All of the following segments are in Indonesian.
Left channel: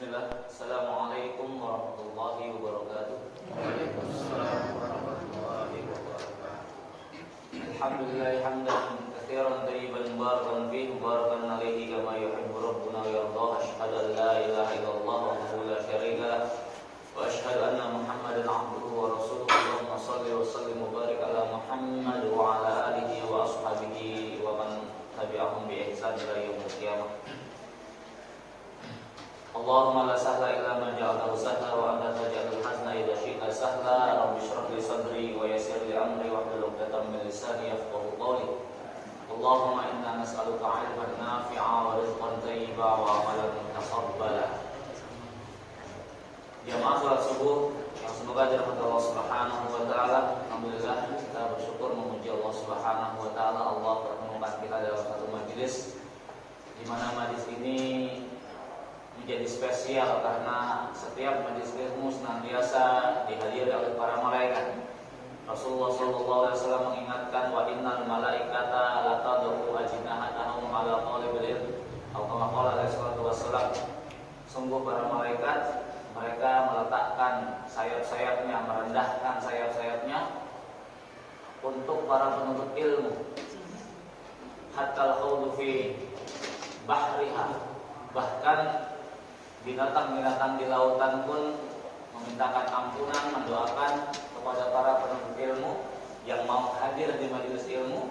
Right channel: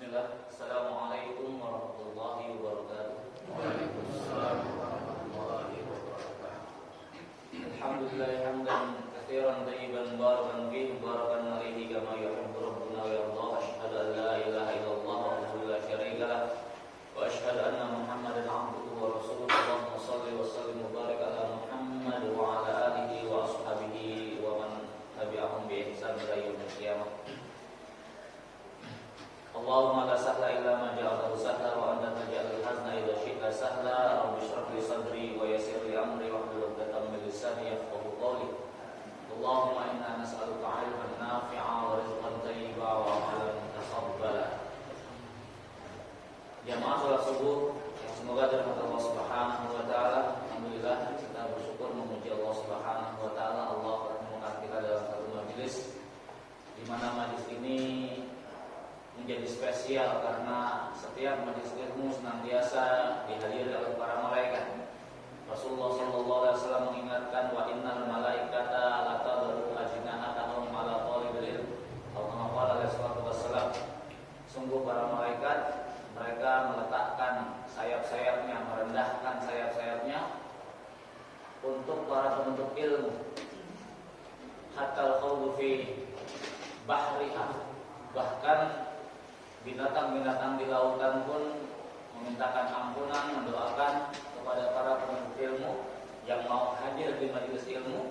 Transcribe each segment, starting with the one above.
Bismillah. Assalamualaikum warahmatullahi wabarakatuh. Waalaikumsalam warahmatullahi wabarakatuh. Alhamdulillah hamdan katsiran thayyiban mubarakan fihi mubarakan alaihi kama yuhibbu rabbuna wa yarda. Asyhadu an la ilaha illallah wahdahu la syarika lah wa asyhadu anna Muhammadan abduhu wa rasuluhu. Allahumma shalli wa sallim wa barik ala Muhammad wa ala alihi wa ashabihi wa man tabi'ahum bi ihsan ila yaumil qiyamah. Allahumma la sahla illa ma ja'altahu sahla wa anta taj'alul hazna idza syi'ta sahla. Rabbi shrah li sadri wa yassir li amri wahlul 'uqdatam min lisani yafqahu qawli. Allahumma inna nas'aluka 'ilman nafi'a wa rizqan thayyiba wa 'amalan mutaqabbala. Jamaah salat subuh yang semoga dirahmati Allah Subhanahu wa taala. Alhamdulillah kita bersyukur memuji Allah Subhanahu wa taala. Allah pertemukan kita dalam satu majelis di mana majelis ini menjadi spesial karena setiap majelis ilmu senantiasa dihadiri oleh para malaikat. Rasulullah SAW mengingatkan wa innal malaikata la tad'u ajnahatahum ala talibil ilm atau kama qala alaihi wasallam. Sungguh para malaikat mereka meletakkan sayap-sayapnya, merendahkan sayap-sayapnya untuk para penuntut ilmu. Hatta al-khawdu fi bahriha, bahkan binatang-binatang di lautan pun memintakan ampunan, mendoakan kepada para penuntut ilmu yang mau hadir di majelis ilmu.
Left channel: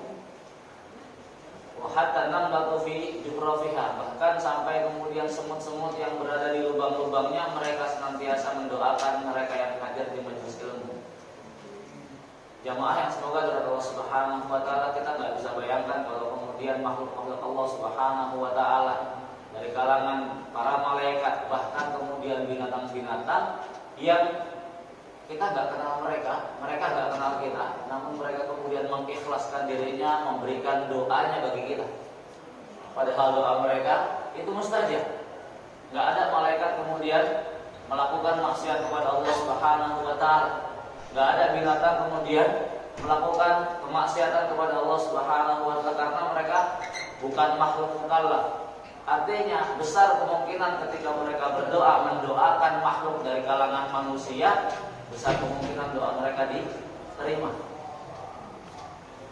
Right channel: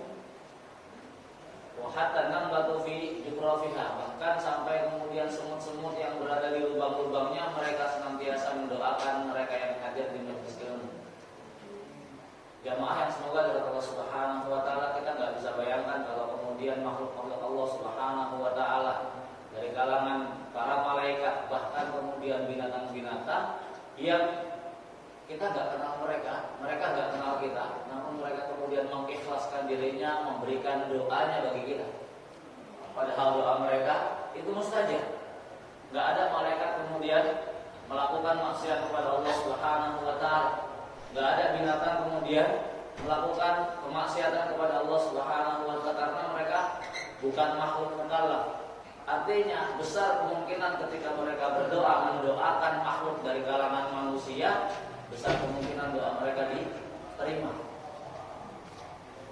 Wa hatta namlatu fi jufrafiha, bahkan sampai kemudian semut-semut yang berada di lubang-lubangnya mereka senantiasa mendoakan mereka yang hadir di majelis ilmu. Jamaah yang semoga dari Allah Subhanahu wa taala, kita enggak bisa bayangkan kalau kemudian makhluk-makhluk Allah Subhanahu wa taala dari kalangan para malaikat, bahkan kemudian binatang-binatang yang kita nggak kenal mereka, mereka nggak kenal kita, namun mereka kemudian mengikhlaskan dirinya, memberikan doanya bagi kita. Padahal doa mereka itu mustajab. Nggak ada malaikat kemudian melakukan maksiat kepada Allah Subhanahu wa taala. Nggak ada binatang kemudian melakukan kemaksiatan kepada Allah Subhanahu wa taala karena mereka bukan makhluk mukallaf. Artinya besar kemungkinan ketika mereka berdoa mendoakan makhluk dari kalangan manusia, besar kemungkinan doa mereka diterima.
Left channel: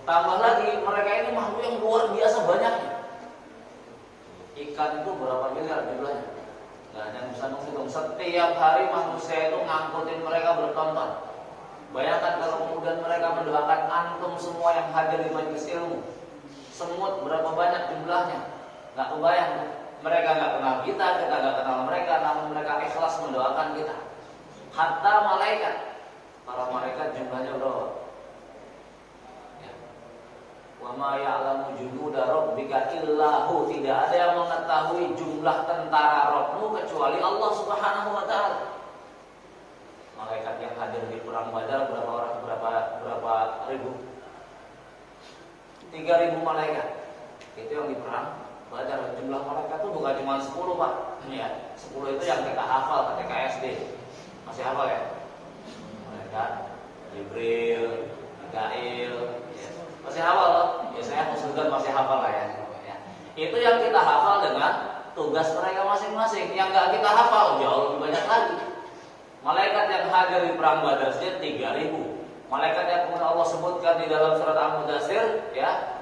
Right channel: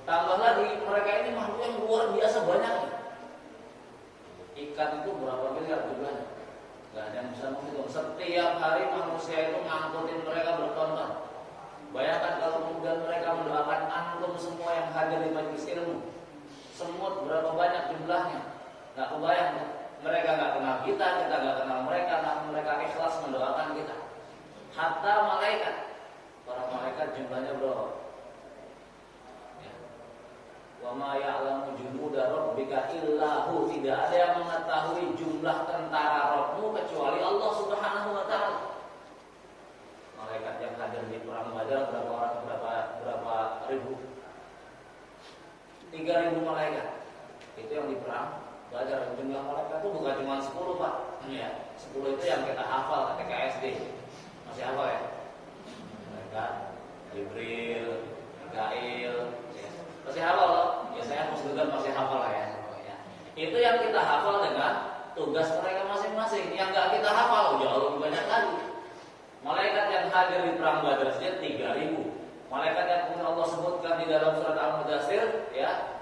Tambah lagi mereka ini makhluk yang luar biasa banyaknya. Ikan itu berapa miliar jumlahnya? Gak ada yang bisa menghitung. Setiap hari manusia itu ngangkutin mereka bertonton. Bayangkan kalau kemudian mereka mendoakan antum semua yang hadir di majelis ilmu. Semut berapa banyak jumlahnya? Gak kebayang, mereka gak kenal kita gak kenal mereka, namun mereka ikhlas mendoakan kita. Hatta malaikat, para malaikat jumlahnya berapa? Ya. Wa ma ya'lamu junuda rabbika illahu, tidak ada yang mengetahui jumlah tentara Rabbmu kecuali Allah Subhanahu wa taala. Malaikat yang hadir di perang Badar berapa orang? Berapa ribu? 3.000 malaikat. Itu yang di perang Badar. Jumlah malaikat itu bukan cuma 10 Pak. Ya, 10 itu yang kita hafal ketika SD. Masih hafal ya? Malaikat Jibril, Mikail, ya. Masih hafal loh. Biasanya muslimin masih hafal lah ya. Itu yang kita hafal dengan tugas mereka masing-masing. Yang enggak kita hafal jauh lebih banyak lagi. Malaikat yang hadir di perang Badar saja 3.000. Malaikat yang kemudian Allah sebutkan di dalam surat Al-Mudaththir, ya.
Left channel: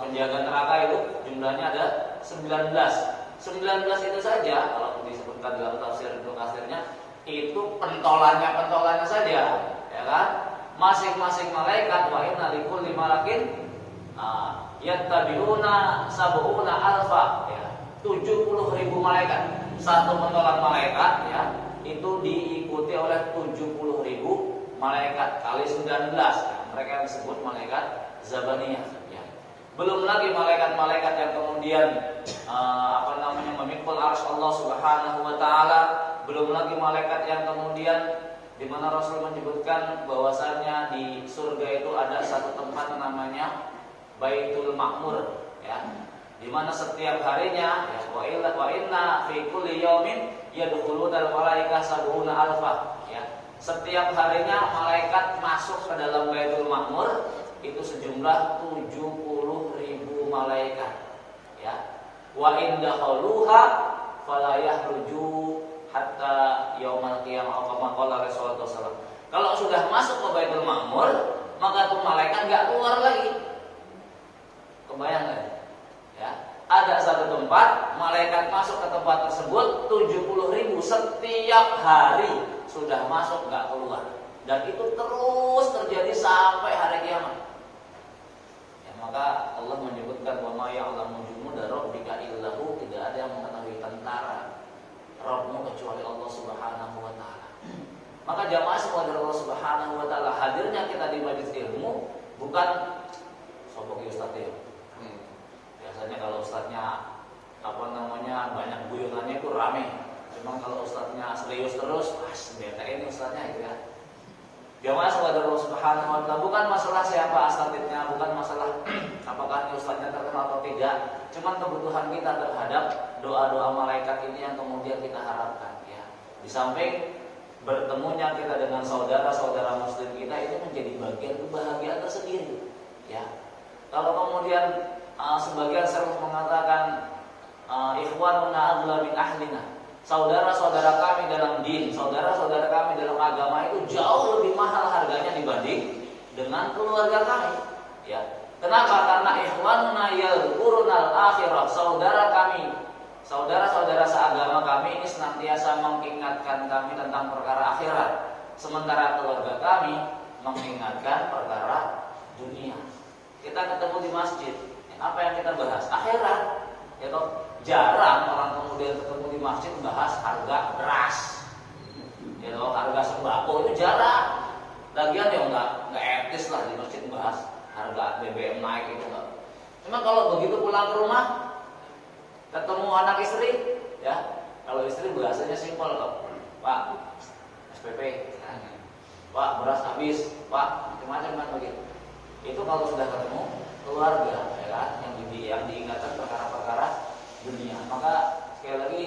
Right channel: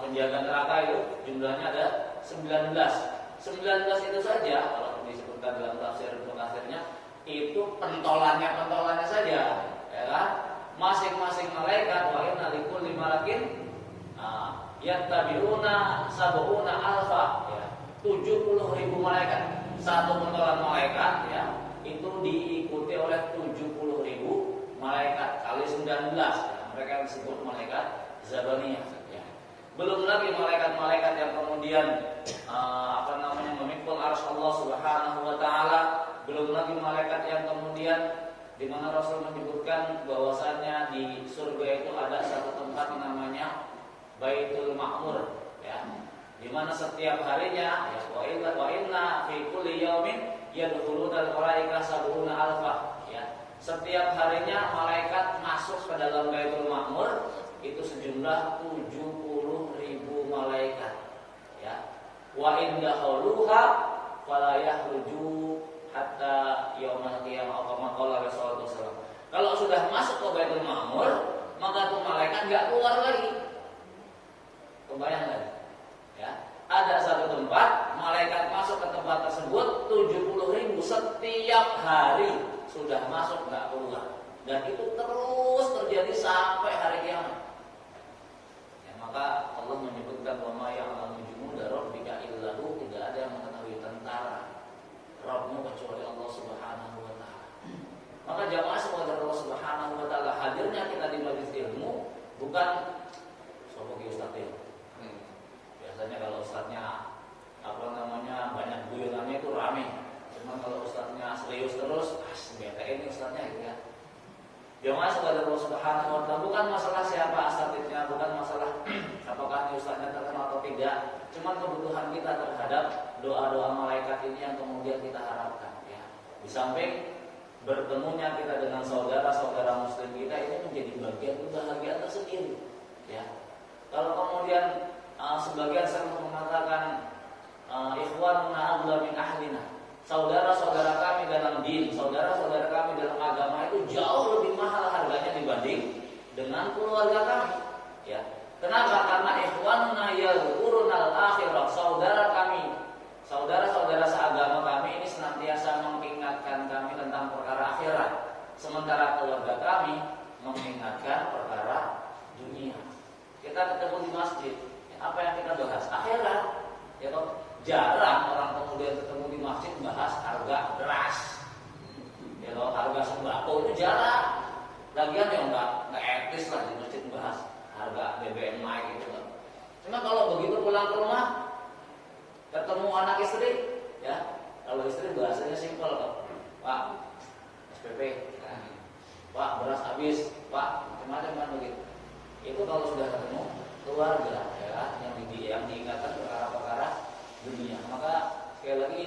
Penjaga neraka itu jumlahnya ada 19. 19 itu saja kalau disebutkan dalam tafsir Ibnu Katsirnya itu pentolannya saja, ya kan? Masing-masing malaikat wa inna likulli malakin yattabi'una sab'una alfa, ya. 70.000 malaikat. Satu pentolan malaikat, ya, itu diikuti oleh 70.000 malaikat kali 19. Mereka yang disebut malaikat Zabaniyah, ya. Belum lagi malaikat-malaikat yang kemudian memikul arsy Allah Subhanahu wa taala. Belum lagi malaikat yang kemudian di mana Rasul menyebutkan bahwasannya di surga itu ada satu tempat namanya Baitul Ma'mur, ya. Di mana setiap harinya, ya, wa inna fi kulli yaumin yadkhulunal malaikatu sab'una alfa, ya. Setiap harinya malaikat masuk ke dalam Baitul Ma'mur itu sejumlah 70.000 malaikat, ya. Wa indakhaluha fala yahruju hatta yaumal qiyamah kama qala Rasulullah SAW. Kalau sudah masuk ke Baitul Ma'mur, maka tuh malaikat enggak keluar lagi. Kebayang enggak? Ya. Ada satu tempat, malaikat masuk ke tempat tersebut 70.000 setiap hari sudah masuk enggak keluar. Dan itu terus terjadi sampai hari kiamat. Ya, maka Allah menyebutkan wa ma ya'lamu junuda rabbika illahu, tidak ada yang mengetahui tentara Rabbmu kecuali Allah Subhanahu wa taala. Maka jamaah sekalian Allah Subhanahu wa taala, hadirnya kita di majelis ilmu bukan sopoki ustaz ya. Biasanya kalau ustaznya banyak guyonannya itu rame. Cuma kalau ustaznya serius terus, bete ini ustaznya gitu ya. Jamaah sekalian Allah Subhanahu wa taala, bukan masalah siapa asatidnya, bukan masalah apakah ini ustaznya terkenal atau tidak. Cuma kebutuhan kita terhadap doa-doa malaikat ini yang kemudian kita harapkan ya. Di samping bertemunya kita dengan saudara-saudara muslim kita, ini menjadi bagian kebahagiaan tersendiri ya. Kalau kemudian sebagian sering mengatakan ikhwanuna aghla min ahlina, saudara-saudara kami dalam din, saudara-saudara kami dalam agama itu jauh lebih mahal harganya dibanding dengan keluarga kami ya. Kenapa? Karena ikhwanuna yadhkurunal akhirah, saudara kami, saudara-saudara seagama kami ini senantiasa mengingatkan kami tentang perkara akhirat, sementara keluarga kami mengingatkan perkara dunia. Kita ketemu di masjid, apa yang kita bahas? Akhirat. Ya toh, jarang orang kemudian ketemu di masjid bahas harga beras. Ya toh, harga sembako itu jarang. Lagian ya enggak etis lah di masjid bahas harga BBM naik itu enggak. Cuma kalau begitu pulang ke rumah ketemu anak istri, ya. Kalau istri bahasanya simpel kok. Pak, SPP. Pak, beras habis. Pak, macam-macam kan begitu. Itu kalau sudah ketemu keluarga, ya kan, yang diingatkan perkara-perkara dunia. Maka sekali lagi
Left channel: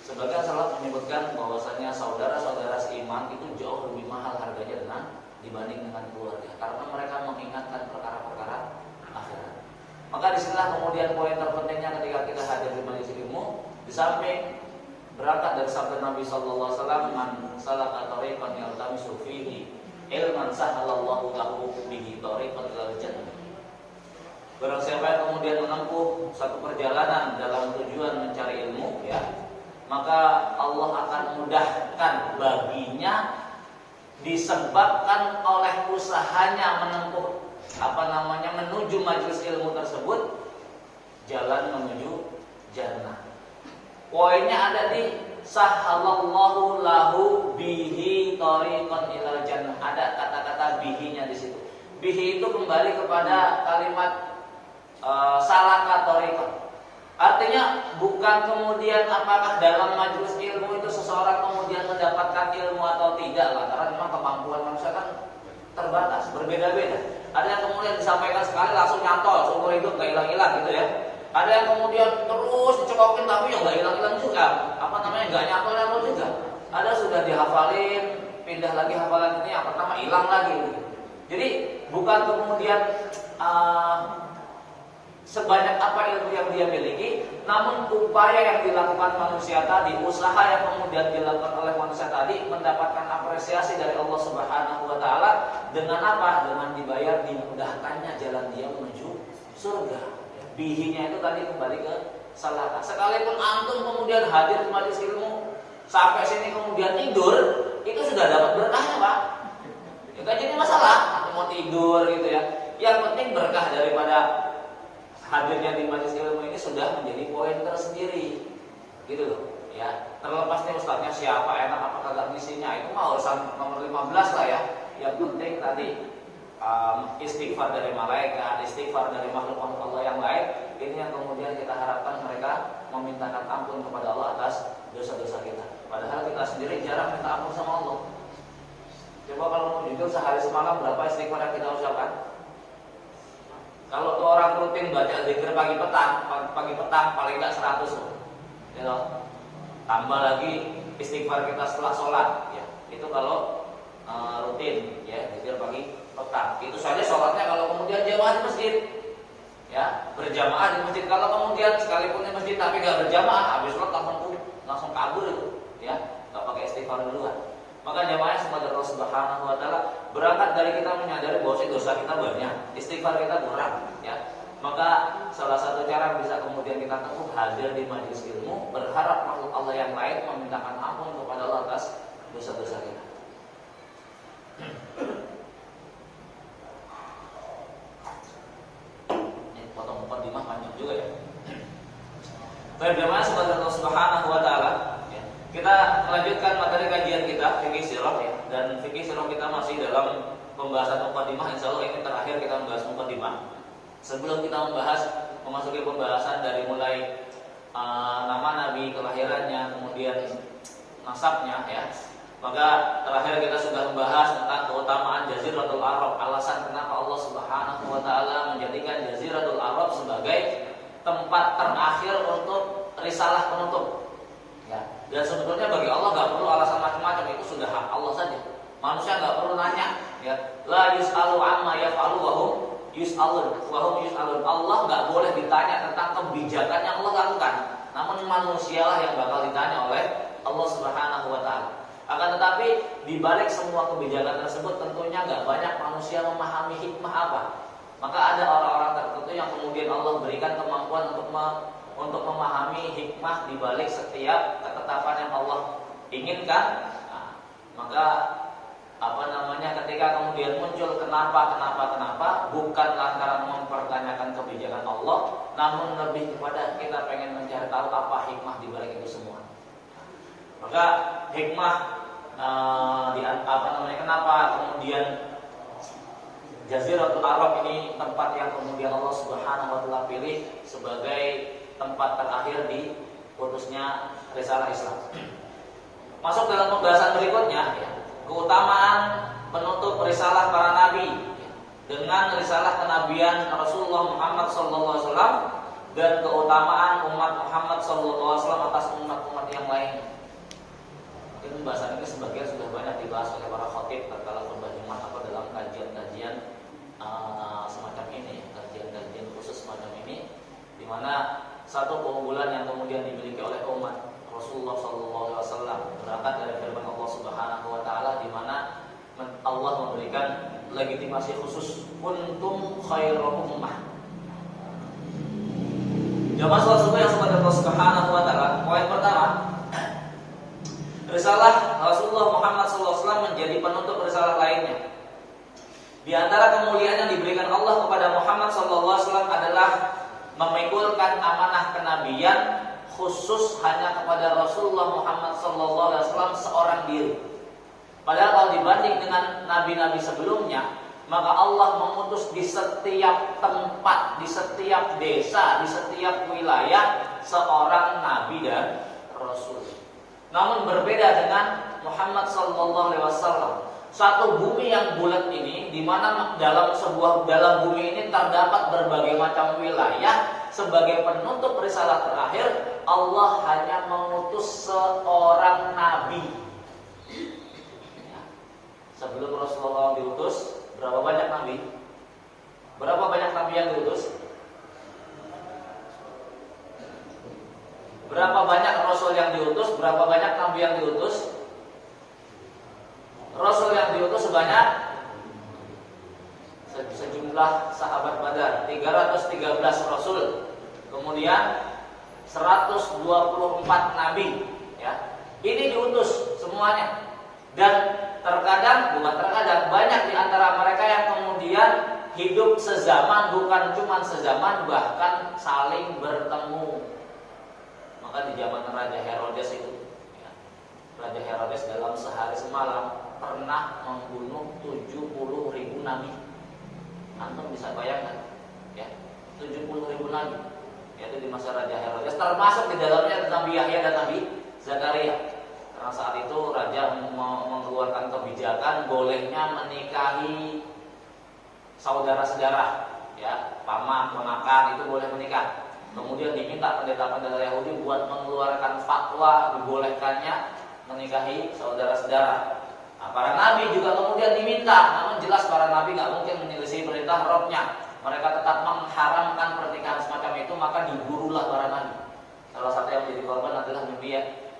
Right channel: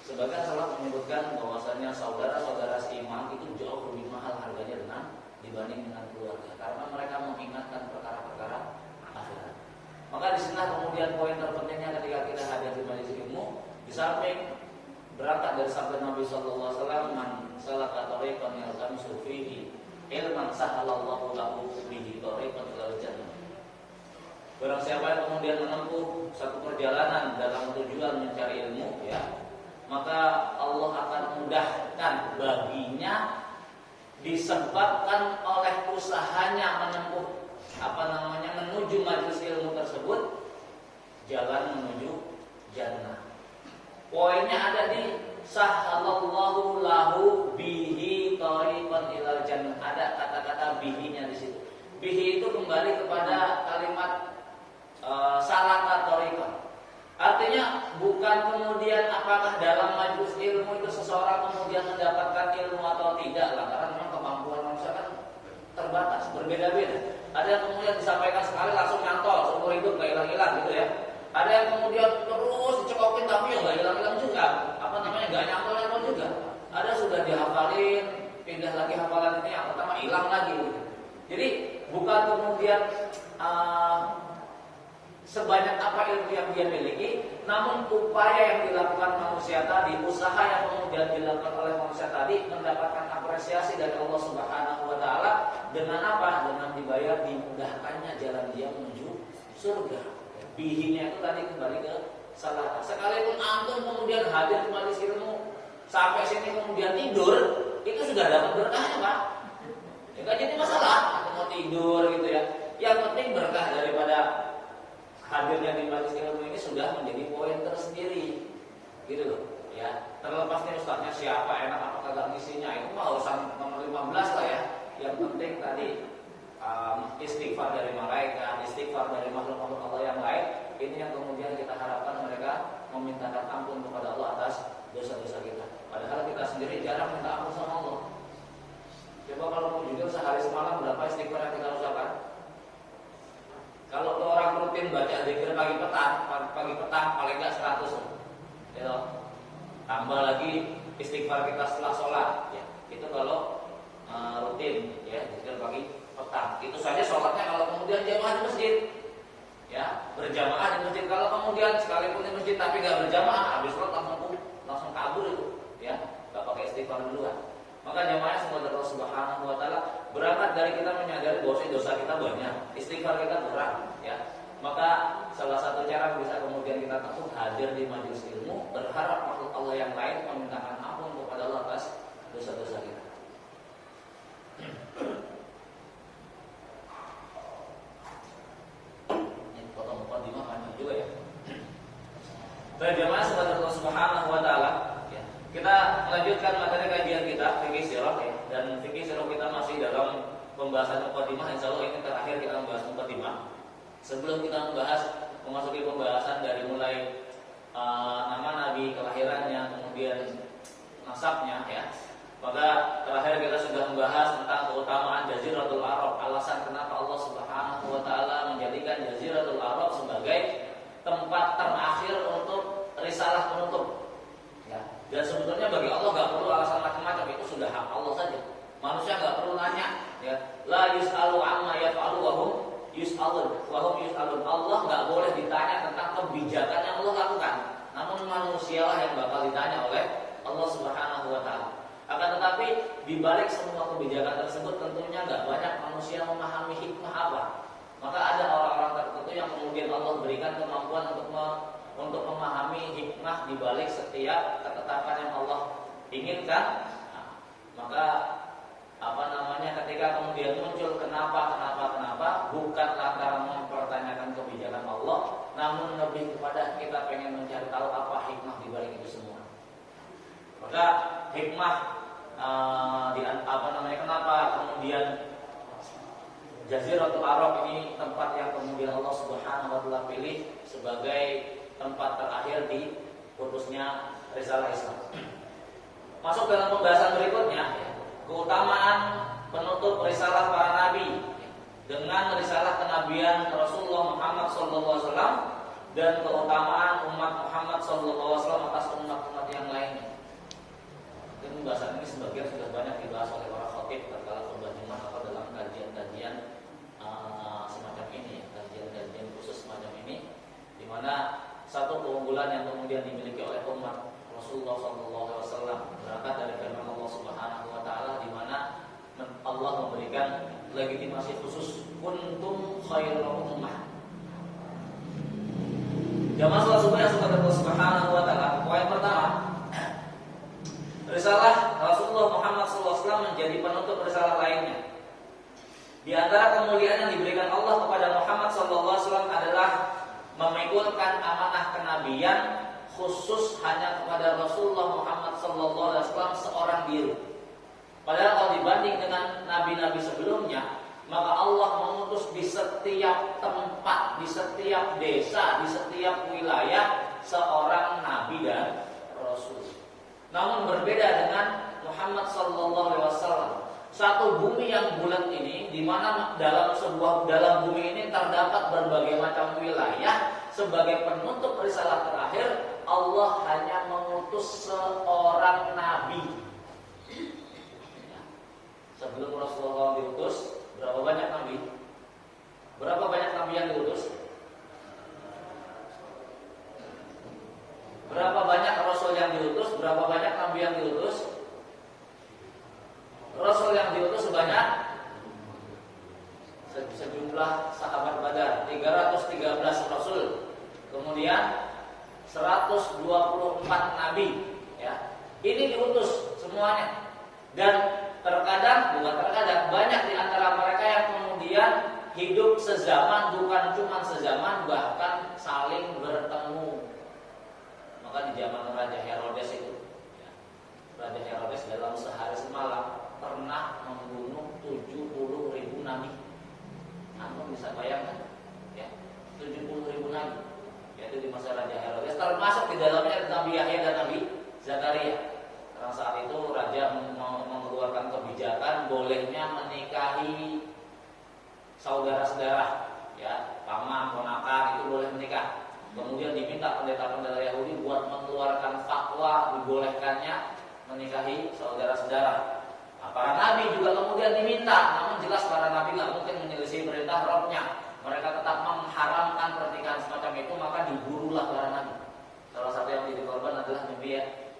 sebagian salaf menyebutkan bahwasanya saudara-saudara seiman itu jauh lebih mahal harganya dibanding dengan keluarga, karena mereka mengingatkan perkara-perkara akhirat. Maka disinilah kemudian poin terpentingnya ketika kita hadir di majelis ilmu, di samping berangkat dari sabda Nabi sallallahu alaihi wasallam, man salaka tariqan yaltamisu fihi ilman sahalallahu lahu bihi tariqan ilal jannah. Barang siapa yang kemudian menempuh satu perjalanan dalam tujuan mencari ilmu ya, maka Allah akan mudahkan baginya disebabkan oleh usahanya menempuh menuju majelis ilmu tersebut, jalan menuju jannah. Poinnya ada di sahalallahu lahu bihi tariqan ilal jannah. Ada kata-kata bihinya di situ. Bihi itu kembali kepada kalimat salaka tariqan. Artinya bukan kemudian apakah dalam majelis ilmu itu seseorang kemudian mendapatkan ilmu atau tidak lah, karena memang kemampuan manusia kan terbatas, berbeda-beda. Ada yang kemudian disampaikan sekali langsung nyantol seumur hidup gak hilang-hilang gitu ya. Ada yang kemudian terus dicekokin tapi yang gak hilang-hilang juga, gak nyantol juga. Ada sudah dihafalin, pindah lagi hafalan ini, yang pertama hilang lagi. Jadi bukan kemudian sebanyak apa ilmu yang dia miliki, namun upaya yang dilakukan manusia tadi, usaha yang kemudian dilakukan oleh manusia tadi mendapatkan apresiasi dari Allah Subhanahu wa taala dengan apa? Dengan dibayar, dimudahkannya jalan dia menuju surga. Bihinya itu tadi kembali ke salah. Sekalipun antum kemudian hadir di majelis ilmu sampai sini kemudian tidur, itu sudah dapat berkahnya, Pak. Ya kan jadi masalah, mau tidur gitu ya. Yang penting berkah daripada hadirnya di majelis ilmu ini sudah menjadi poin tersendiri, gitu loh. Ya, terlepas nih ustadznya siapa, enak apa kagak ngisinya, itu mah urusan nomor 15 lah ya. Yang penting tadi istighfar dari malaikat, istighfar dari makhluk-makhluk Allah yang lain. Ini yang kemudian kita harapkan mereka memintakan ampun kepada Allah atas dosa-dosa kita. Padahal kita sendiri jarang minta ampun sama Allah. Coba kalau mau jujur, sehari semalam berapa istighfar yang kita ucapkan? Kalau orang rutin baca zikir pagi petang paling enggak 100 ya loh. Tambah lagi istighfar kita setelah sholat ya. Itu kalau rutin ya, zikir pagi petang. Itu saja sholatnya kalau kemudian jamaah di masjid ya, berjamaah di masjid. Kalau kemudian sekalipun di masjid tapi enggak berjamaah, habis sholat langsung langsung kabur itu, ya, nggak pakai istighfar duluan. Maka jamaah semoga Allah Subhanahu wa taala berangkat dari kita menyadari bahwa dosa kita banyak, istighfar kita kurang, ya. Maka salah satu cara bisa kemudian kita teguh hadir di majelis ilmu, berharap makhluk Allah yang lain memintakan ampun kepada Allah atas dosa-dosa kita. Ini potong mukadimah panjang juga ya. Baik jemaah semoga Allah Subhanahu wa taala, ya. Kita melanjutkan materi kajian kita fikih sirah, ya. Dan fikih sirah kita masih dalam pembahasan mukadimah. Insyaallah ini terakhir kita membahas mukadimah. Sebelum kita memasuki pembahasan dari mulai nama Nabi, kelahirannya, kemudian nasabnya, ya. Maka terakhir kita sudah membahas tentang keutamaan Jaziratul Arab, alasan kenapa Allah Subhanahu wa taala menjadikan Jaziratul Arab sebagai tempat terakhir untuk risalah penutup. Ya. Dan sebetulnya bagi Allah nggak perlu alasan macam-macam, itu sudah hak Allah saja. Manusia nggak perlu nanya, ya. La yus'alu amma yaf'alu wa hum yus'alun. Allah nggak boleh ditanya tentang kebijakan yang Allah lakukan. Namun manusialah yang bakal ditanya oleh Allah Subhanahu wa taala. Akan tetapi di balik semua kebijakan tersebut tentunya nggak banyak manusia memahami hikmah apa. Maka ada orang-orang tertentu yang kemudian Allah berikan kemampuan untuk memahami hikmah di balik setiap ketetapan yang Allah inginkan. Nah, maka ketika kemudian muncul kenapa bukan lantaran mempertanyakan kebijakan Allah, namun lebih kepada kita pengen mencari tahu apa hikmah di balik itu semua. Maka hikmah kenapa kemudian Jaziratul Arab ini tempat yang kemudian Allah Subhanahu wa taala pilih sebagai tempat terakhir di utusnya risalah Islam. Masuk dalam pembahasan berikutnya, ya, keutamaan penutup risalah para nabi dengan risalah kenabian Rasulullah Muhammad SAW dan keutamaan umat Muhammad SAW atas umat-umat yang lainnya. Mungkin pembahasan ini sebagian sudah banyak dibahas oleh para khatib tatkala khutbah Jumat atau dalam kajian-kajian semacam ini, kajian-kajian khusus semacam ini, di mana satu keunggulan yang kemudian dimiliki oleh umat Rasulullah SAW berangkat dari firman Allah Subhanahu wa taala, di mana Allah memberikan legitimasi khusus kuntum khairu ummah. Jamaah salat subuh yang semoga Allah Subhanahu wa taala, poin pertama, risalah Rasulullah Muhammad SAW menjadi penutup risalah lainnya. Di antara kemuliaan yang diberikan Allah kepada Muhammad SAW adalah memikulkan amanah kenabian khusus hanya kepada Rasulullah Muhammad SAW seorang diri. Padahal kalau dibanding dengan nabi-nabi sebelumnya, maka Allah mengutus di setiap tempat, di setiap desa, di setiap wilayah seorang nabi dan rasul. Namun berbeda dengan Muhammad SAW, satu bumi yang bulat ini, di mana dalam bumi ini terdapat berbagai macam wilayah. Sebagai penutup risalah terakhir, Allah hanya mengutus seorang nabi. Sebelum Rasulullah diutus, berapa banyak nabi? Berapa banyak nabi yang diutus? Berapa banyak rasul yang diutus? Berapa banyak nabi yang diutus? Rasul yang diutus sebanyak sejumlah sahabat Badar 313 rasul, kemudian 124 nabi, ya. Ini diutus semuanya. Dan bukan terkadang banyak di antara mereka yang kemudian hidup sezaman, bukan cuma sezaman, bahkan saling bertemu. Maka di zaman Raja Herodes itu, ya, Raja Herodes dalam sehari semalam pernah membunuh 70.000 nabi. Antum bisa bayangkan, ya, 70.000 nabi. Yaitu di masa Raja Herodes, termasuk di dalamnya Nabi Yahya dan Nabi Zakaria. Karena saat itu raja mengeluarkan kebijakan bolehnya menikahi saudara-saudara, ya, paman, ponakan, itu boleh menikah. Kemudian diminta pendeta-pendeta Yahudi buat mengeluarkan fatwa dibolehkannya menikahi saudara-saudara. Nah, para nabi juga kemudian diminta, namun jelas para nabi nggak mungkin menyelisih perintah Rabbnya. Mereka tetap mengharamkan pernikahan semacam itu, maka diburulah para nabi. Salah satu yang menjadi korban adalah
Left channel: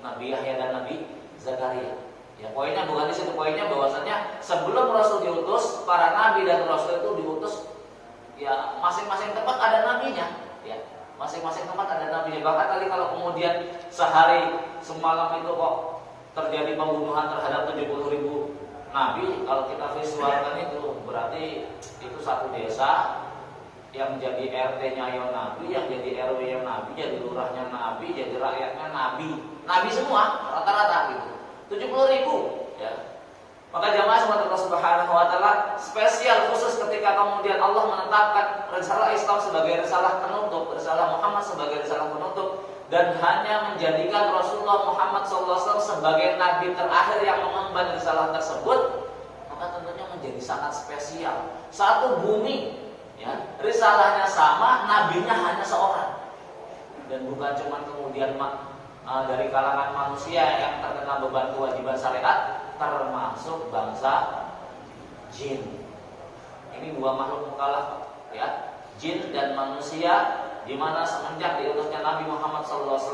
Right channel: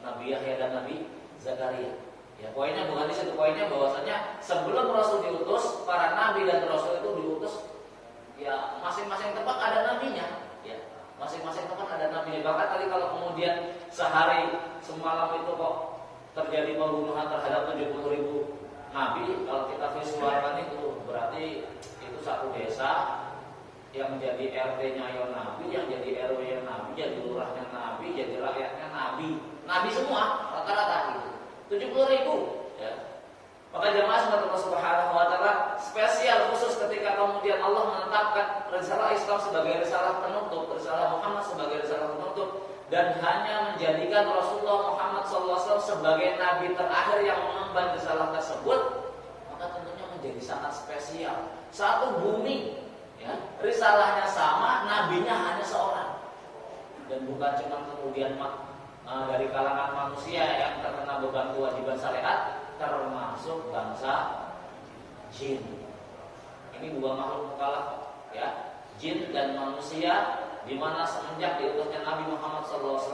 Nabi Yahya dan Nabi Zakaria. Ya, poinnya bukan di situ, poinnya bahwasanya sebelum Rasul diutus, para nabi dan rasul itu diutus ya masing-masing tempat ada nabinya, ya. Masing-masing tempat ada nabinya. Bahkan tadi kalau kemudian sehari semalam itu kok terjadi pembunuhan terhadap 70.000 nabi, kalau kita visualkan itu berarti itu satu desa yang jadi RT-nya yang nabi, yang jadi RW-nya nabi, jadi lurahnya nabi, jadi rakyatnya nabi. Nabi semua rata-rata gitu. 70.000 ya. Maka jamaah Allah Subhanahu wa taala spesial khusus ketika kemudian Allah menetapkan risalah Islam sebagai risalah penutup, risalah Muhammad sebagai risalah penutup, dan hanya menjadikan Rasulullah Muhammad SAW sebagai nabi terakhir yang mengemban risalah tersebut, maka tentunya menjadi sangat spesial. Satu bumi ya, risalahnya sama, nabinya hanya seorang. Dan bukan cuma kemudian dari kalangan manusia yang terkena beban kewajiban syariat, termasuk bangsa jin. Ini dua makhluk mukallaf ya, jin dan manusia, di mana semenjak diutusnya Nabi Muhammad SAW,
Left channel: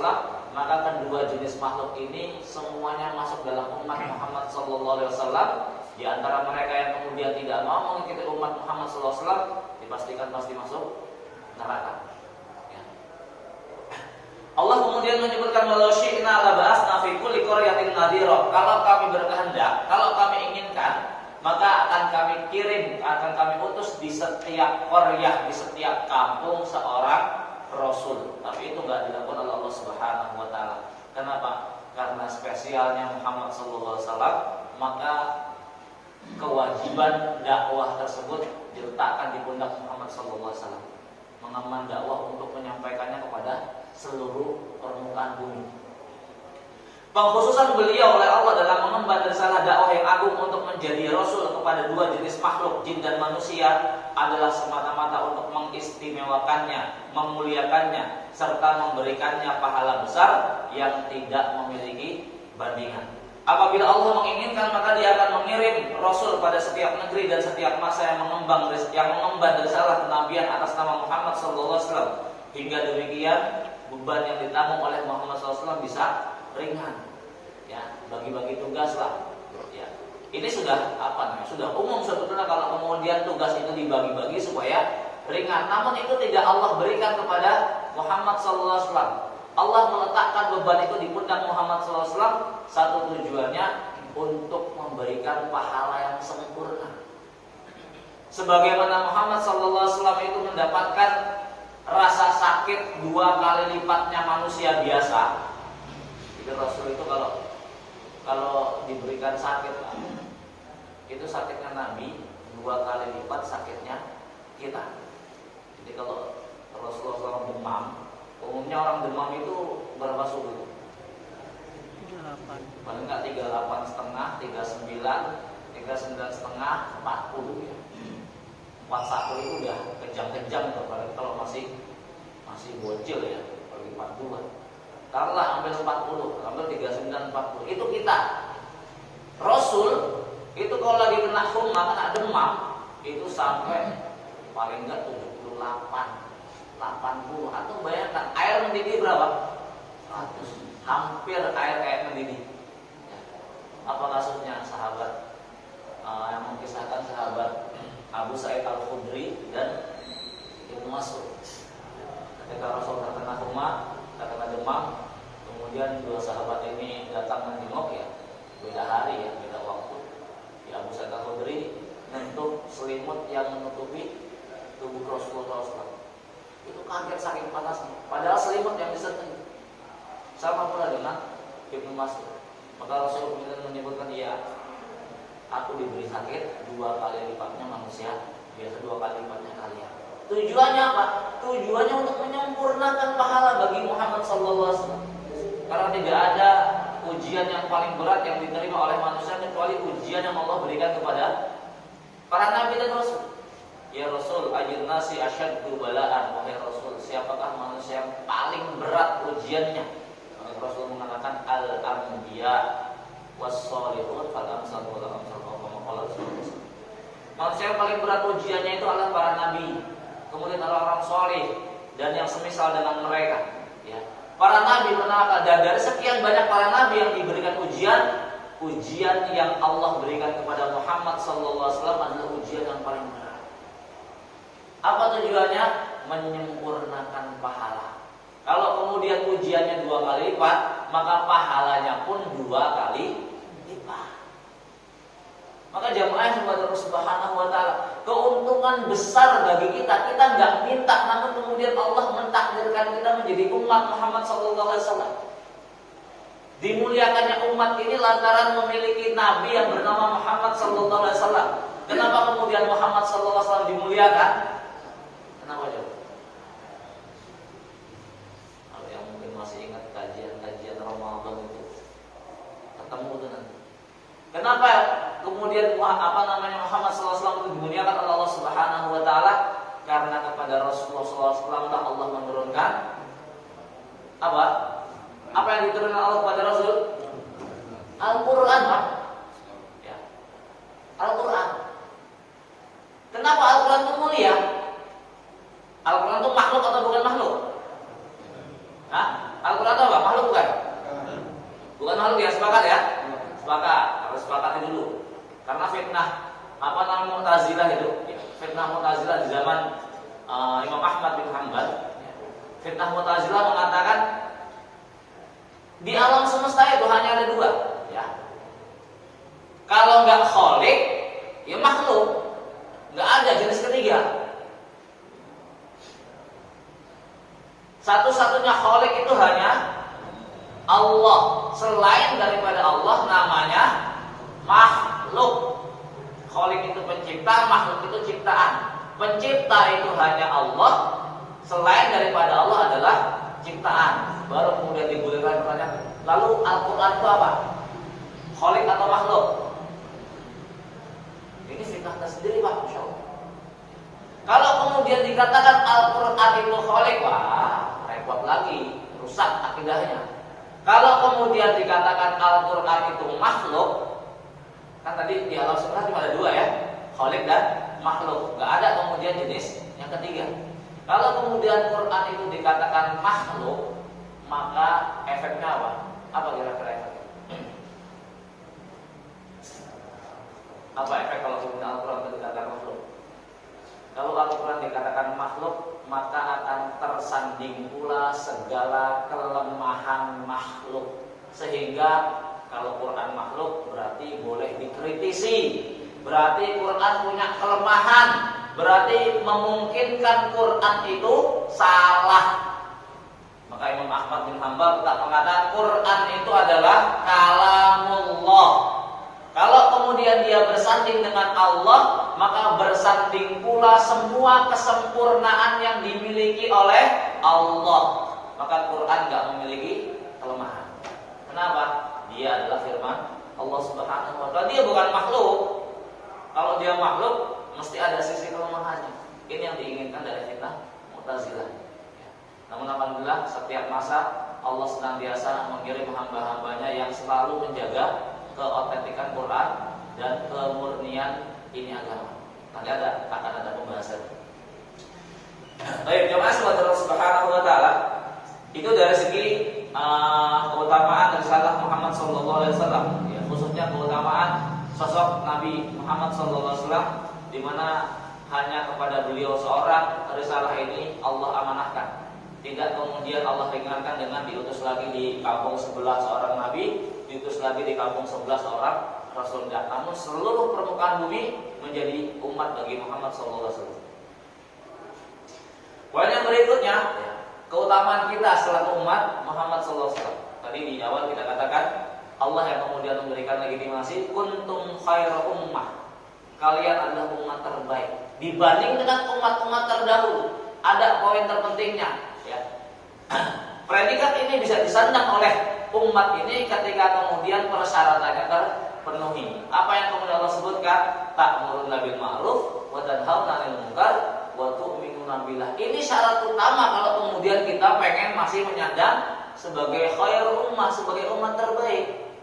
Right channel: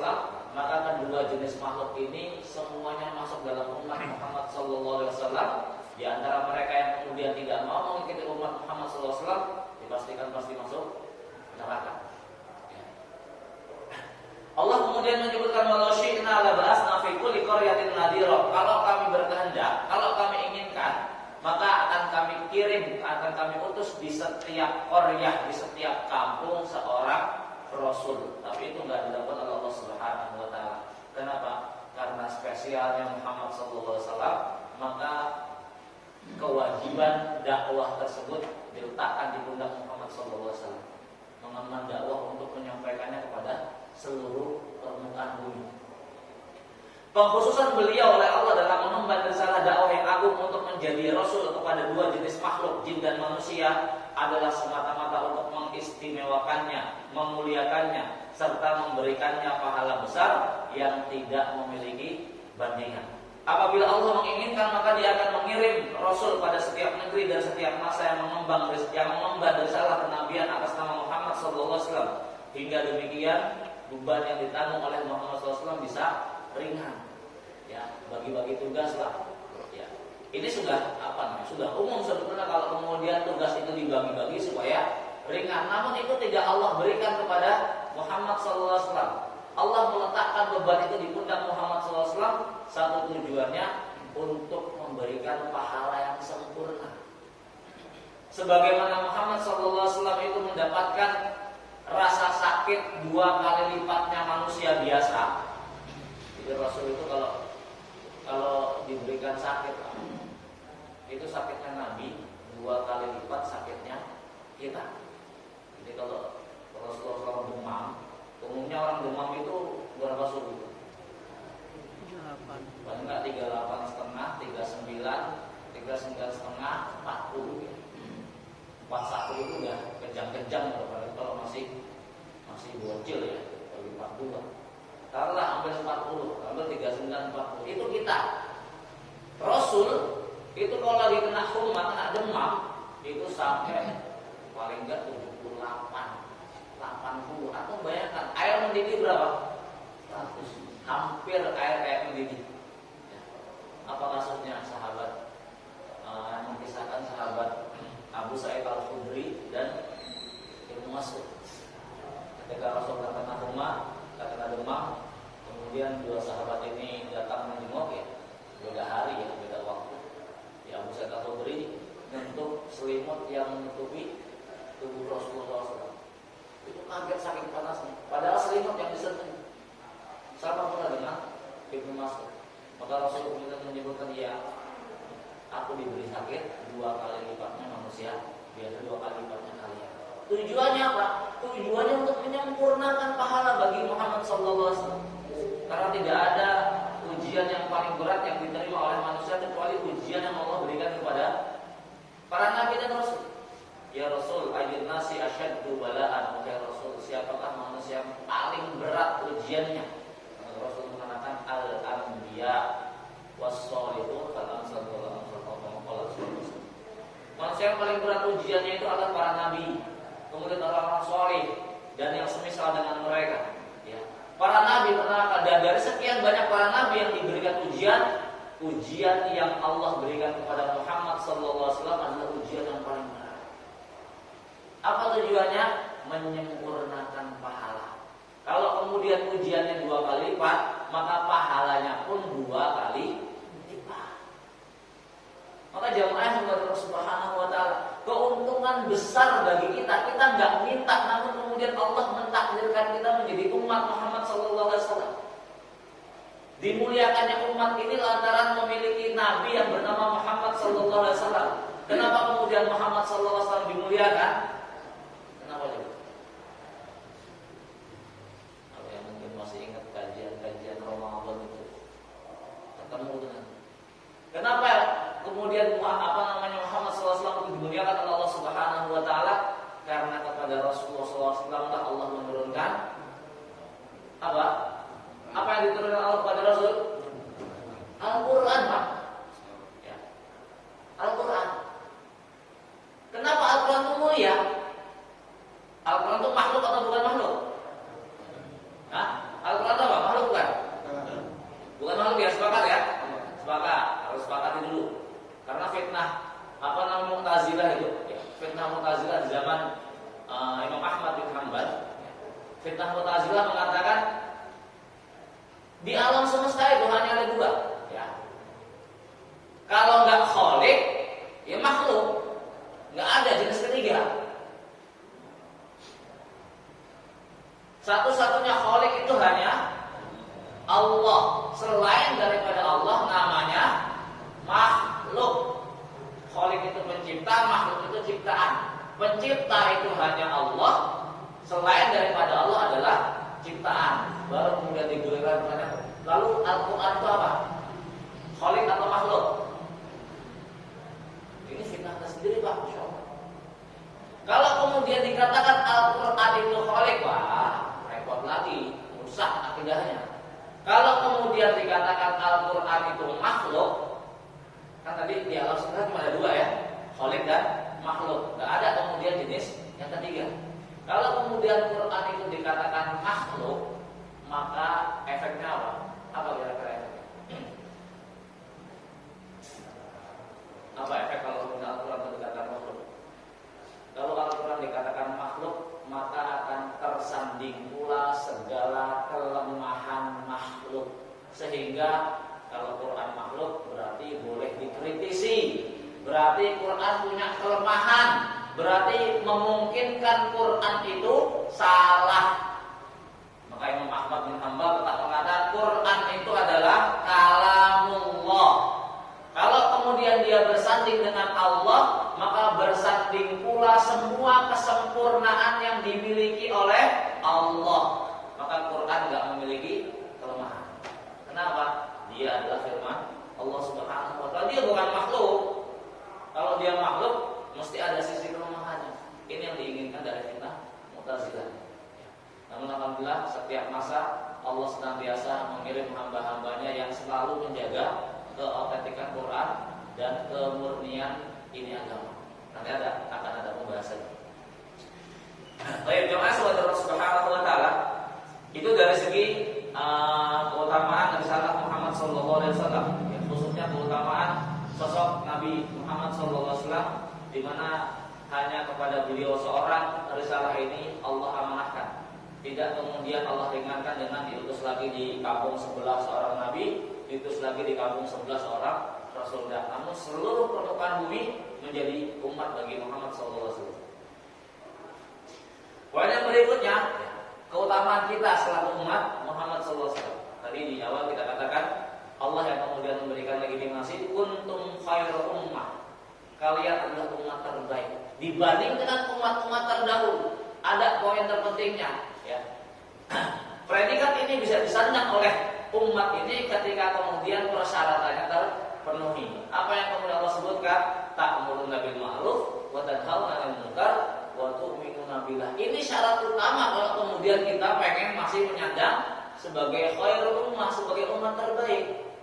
maka kedua jenis makhluk ini semuanya masuk dalam umat Muhammad SAW. Di antara mereka yang kemudian tidak mau mengikuti umat Muhammad SAW, dipastikan pasti masuk neraka. Allah kemudian menyebutkan walau syi'na la ba'atsna fi kulli qaryatin nadhira. Kalau kami berkehendak, kalau kami inginkan, maka akan kami kirim, akan kami utus di setiap qaryah, di setiap kampung seorang rasul. Tapi itu enggak dilakukan oleh Allah Subhanahu wa taala. Kenapa? Karena spesialnya Muhammad sallallahu alaihi wasallam, maka kewajiban dakwah tersebut diletakkan di pundak Muhammad sallallahu alaihi wasallam. Mengemban dakwah untuk menyampaikannya kepada seluruh permukaan bumi. Pengkhususan beliau oleh Allah dalam mengemban risalah dakwah yang agung untuk menjadi rasul kepada dua jenis makhluk, jin dan manusia, adalah semata-mata untuk mengistimewakannya, memuliakannya, serta memberikannya pahala besar yang tidak memiliki bandingan. Apabila Allah menginginkan, maka Dia akan mengirim rasul pada setiap negeri dan setiap masa yang mengemban risalah kenabian atas nama Muhammad SAW. Hingga demikian beban yang ditanggung oleh Muhammad SAW bisa ringan. Ya, bagi-bagi tugas lah. Ya, ini sudah sudah umum sebetulnya kalau kemudian tugas itu dibagi-bagi supaya ringan. Namun itu tidak Allah berikan kepada Muhammad SAW. Allah meletakkan beban itu di pundak Muhammad SAW. Satu tujuannya untuk memberikan pahala yang sempurna. Sebagaimana Muhammad SAW itu mendapatkan rasa sakit 2 kali lipatnya manusia biasa. Jadi Rasul itu kalau diberikan sakit, itu sakitnya Nabi 2 kali lipat sakitnya kita. Jadi kalau Rasulullah SAW demam, umumnya orang demam itu berapa suhu? 38. Paling enggak 38,5, 39, 39,5, 40 ya. 41 itu udah kejang-kejang kalau masih bocil ya, bagi 42. Taruhlah hampir 40, hampir 39, 40. Itu kita. Rasul itu kalau lagi kena humma, kena demam, itu sampai paling enggak 78, 80. Atau bayangkan air mendidih berapa? 100. Hampir air mendidih. Apa kasusnya sahabat yang mengisahkan sahabat Abu Sa'id Al-Khudri dan Ibnu Mas'ud. Ketika Rasul terkena humma, terkena demam, kemudian dua sahabat ini datang menjenguk ya, beda hari ya, beda waktu. Di Abu Sa'id Al-Khudri menyentuh selimut yang menutupi tubuh Rasulullah SAW. Itu kaget saking panasnya. Padahal selimut yang disentuh sama pula dengan Ibnu Mas'ud. Maka Rasul kemudian menyebutkan, ya, aku diberi sakit 2 kali lipatnya manusia biasa, 2 kali lipatnya kalian. Tujuannya apa? Tujuannya untuk menyempurnakan pahala bagi Muhammad SAW. Karena tidak ada ujian yang paling berat yang diterima oleh manusia kecuali ujian yang Allah berikan kepada para nabi dan rasul. Ya Rasul, ayyun nasi asyaddu bala'an. Ya Rasul, siapakah manusia yang paling berat ujiannya? Rasul mengatakan al-anbiya was-sholihun fal-amsal wal-amsal. Manusia yang paling berat ujiannya itu adalah para nabi, kemudian orang-orang soleh dan yang semisal dengan mereka. Ya. Para nabi pernah, dan dari sekian banyak para nabi yang diberikan ujian yang Allah berikan kepada Muhammad sallallahu alaihi wasallam adalah ujian yang paling berat. Apa tujuannya? Menyempurnakan pahala. Kalau kemudian ujiannya 2 kali lipat, maka pahalanya pun 2 kali lipat. Maka jamaah yang Allah Subhanahu wa taala, keuntungan besar bagi kita. Kita nggak minta, namun kemudian Allah mentakdirkan kita menjadi umat Muhammad sallallahu alaihi wasallam. Dimuliakannya umat ini lantaran memiliki nabi yang bernama Muhammad sallallahu alaihi wasallam. Kenapa kemudian Muhammad sallallahu alaihi wasallam dimuliakan? Kenapa coba? Kalau yang mungkin masih ingat kajian Ramadan itu, ketemu itu nanti. Kenapa kemudian Muhammad SAW itu dimuliakan oleh Allah Subhanahu wa taala? Karena kepada Rasulullah SAW Allah menurunkan apa? Apa yang diturunkan Allah kepada Rasul? Al-Qur'an, Pak. Ya. Al-Qur'an. Kenapa Al-Qur'an itu mulia? Al-Qur'an itu makhluk atau bukan makhluk? Hah? Al-Qur'an itu apa? Makhluk bukan? Bukan makhluk ya, sepakat ya? Sepakat, harus sepakati dulu. Karena fitnah Mu'tazilah itu, fitnah Mu'tazilah di zaman Imam Ahmad bin Hanbal. Fitnah Mu'tazilah mengatakan di alam semesta itu hanya ada 2, ya. Kalau nggak khalik, ya makhluk, nggak ada jenis ketiga. Satu-satunya khalik itu hanya Allah. Selain daripada Allah namanya makhluk. Khalik itu pencipta, makhluk itu ciptaan. Pencipta itu hanya Allah. Selain daripada Allah adalah ciptaan. Baru kemudian digulirkan pertanyaan, lalu Al-Quran itu apa? Khalik atau makhluk? Ini fitnah tersendiri, Pak, Masya Allah. Kalau kemudian dikatakan Al-Quran itu khalik, wah, repot lagi, rusak akidahnya. Kalau kemudian dikatakan Al-Quran itu makhluk, kan tadi di alam semesta cuma ada 2 ya, khalik dan makhluk. Gak ada kemudian jenis yang ketiga. Kalau kemudian Quran itu dikatakan makhluk, maka efeknya apa? Apa kira-kira efeknya? Apa efek kalau kemudian Al-Quran itu dikatakan makhluk? Kalau Al-Quran dikatakan makhluk, maka akan tersanding pula segala kelemahan makhluk. Sehingga kalau Quran makhluk berarti boleh dikritisi, berarti Quran punya kelemahan, berarti memungkinkan Quran itu salah. Maka Imam Ahmad bin Hanbal tetap mengatakan Quran itu adalah kalamullah. Kalau kemudian dia bersanding dengan Allah, maka bersanding pula semua kesempurnaan yang dimiliki oleh Allah. Maka Quran tidak memiliki kelemahan. Kenapa? Dia adalah firman Allah Subhanahu wa taala. Dia bukan makhluk. Kalau dia makhluk, mesti ada sisi kelemahannya. Ini yang diinginkan dari fitnah Mu'tazilah. Namun alhamdulillah setiap masa Allah senantiasa mengirim hamba-hambanya yang selalu menjaga keotentikan Quran dan kemurnian ini agama. Nanti akan ada pembahasan. Baik, jemaah Allah Subhanahu wa taala, itu dari segi keutamaan risalah Muhammad sallallahu alaihi wasallam, ya, khususnya keutamaan sosok Nabi Muhammad sallallahu alaihi wasallam, di mana hanya kepada beliau seorang risalah ini Allah amanahkan. Tidak kemudian Allah ringankan dengan diutus lagi di kampung sebelah seorang nabi, diutus lagi di kampung sebelah seorang rasul. Namun seluruh permukaan bumi menjadi umat bagi Muhammad SAW. Poin yang berikutnya, keutamaan kita selaku umat Muhammad SAW. Tadi di awal kita katakan Allah yang kemudian memberikan legitimasi, kuntum khairu ummah. Kalian adalah umat terbaik dibanding dengan umat-umat terdahulu. Ada poin terpentingnya. Ya. Predikat ini bisa disandang oleh umat ini ketika kemudian persyaratannya terpenuhi. Apa yang kemudian Allah sebutkan? Ta'muruna bil ma'ruf wa tanhauna 'anil munkar wa tu'minuna billah. Ini syarat utama kalau kemudian kita pengen masih menyandang sebagai khairul ummah, sebagai umat terbaik.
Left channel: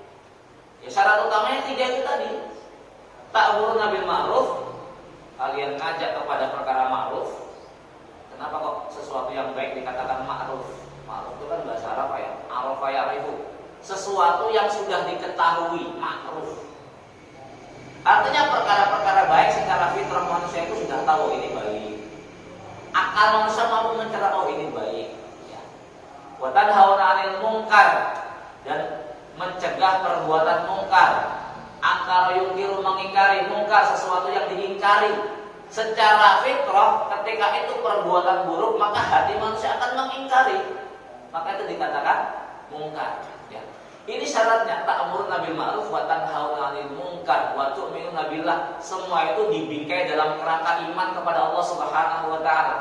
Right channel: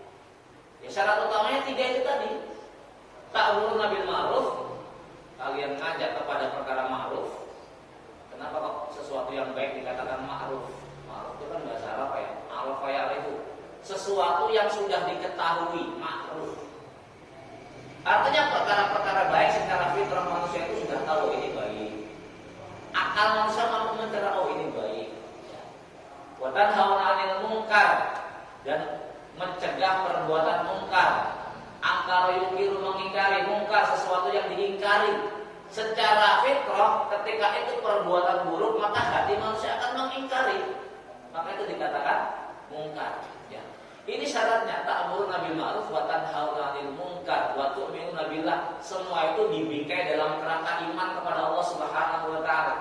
Ya, syarat utamanya 3 itu tadi. Ta'muruna bil ma'ruf, kalian ngajak kepada perkara ma'ruf. Kenapa kok sesuatu yang baik dikatakan ma'ruf? Ma'ruf itu kan bahasa Arab sesuatu yang sudah diketahui ma'ruf. Artinya perkara-perkara baik secara fitrah manusia itu sudah tahu ini baik. Akal manusia mampu mencerna oh ini baik. Ya. Wa tanhauna 'anil munkar, dan mencegah perbuatan mungkar. Akal yungkiru mengingkari mungkar, sesuatu yang diingkari. Secara fitrah ketika itu perbuatan buruk maka hati manusia akan mengingkari. Maka itu dikatakan mungkar. Ya. Ini syaratnya ta'muruna bil ma'ruf wa tanhauna 'anil munkar wa tu'minuna billah. Semua itu dibingkai dalam kerangka iman kepada Allah Subhanahu wa taala.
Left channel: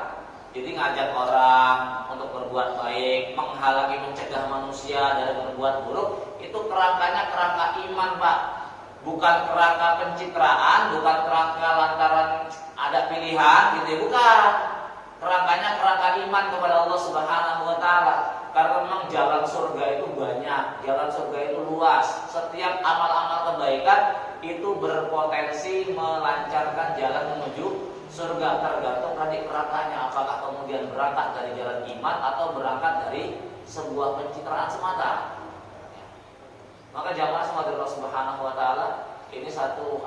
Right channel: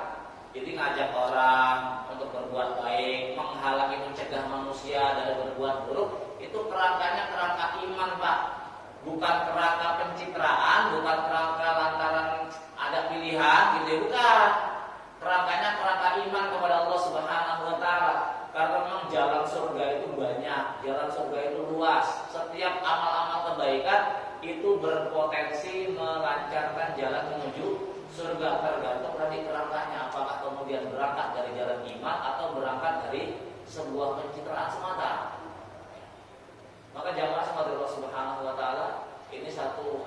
Jadi ngajak orang untuk berbuat baik, menghalangi mencegah manusia dari berbuat buruk, itu kerangkanya kerangka iman, Pak. Bukan kerangka pencitraan, bukan kerangka lantaran ada pilihan gitu ya, bukan. Kerangkanya kerangka iman kepada Allah Subhanahu wa taala. Karena memang jalan surga itu banyak, jalan surga itu luas. Setiap amal-amal kebaikan itu berpotensi melancarkan jalan menuju surga, tergantung dari kerangkanya. Apakah kemudian berangkat dari jalan iman atau berangkat dari sebuah pencitraan semata. Maka jamaah semua Allah Subhanahu wa taala, ini satu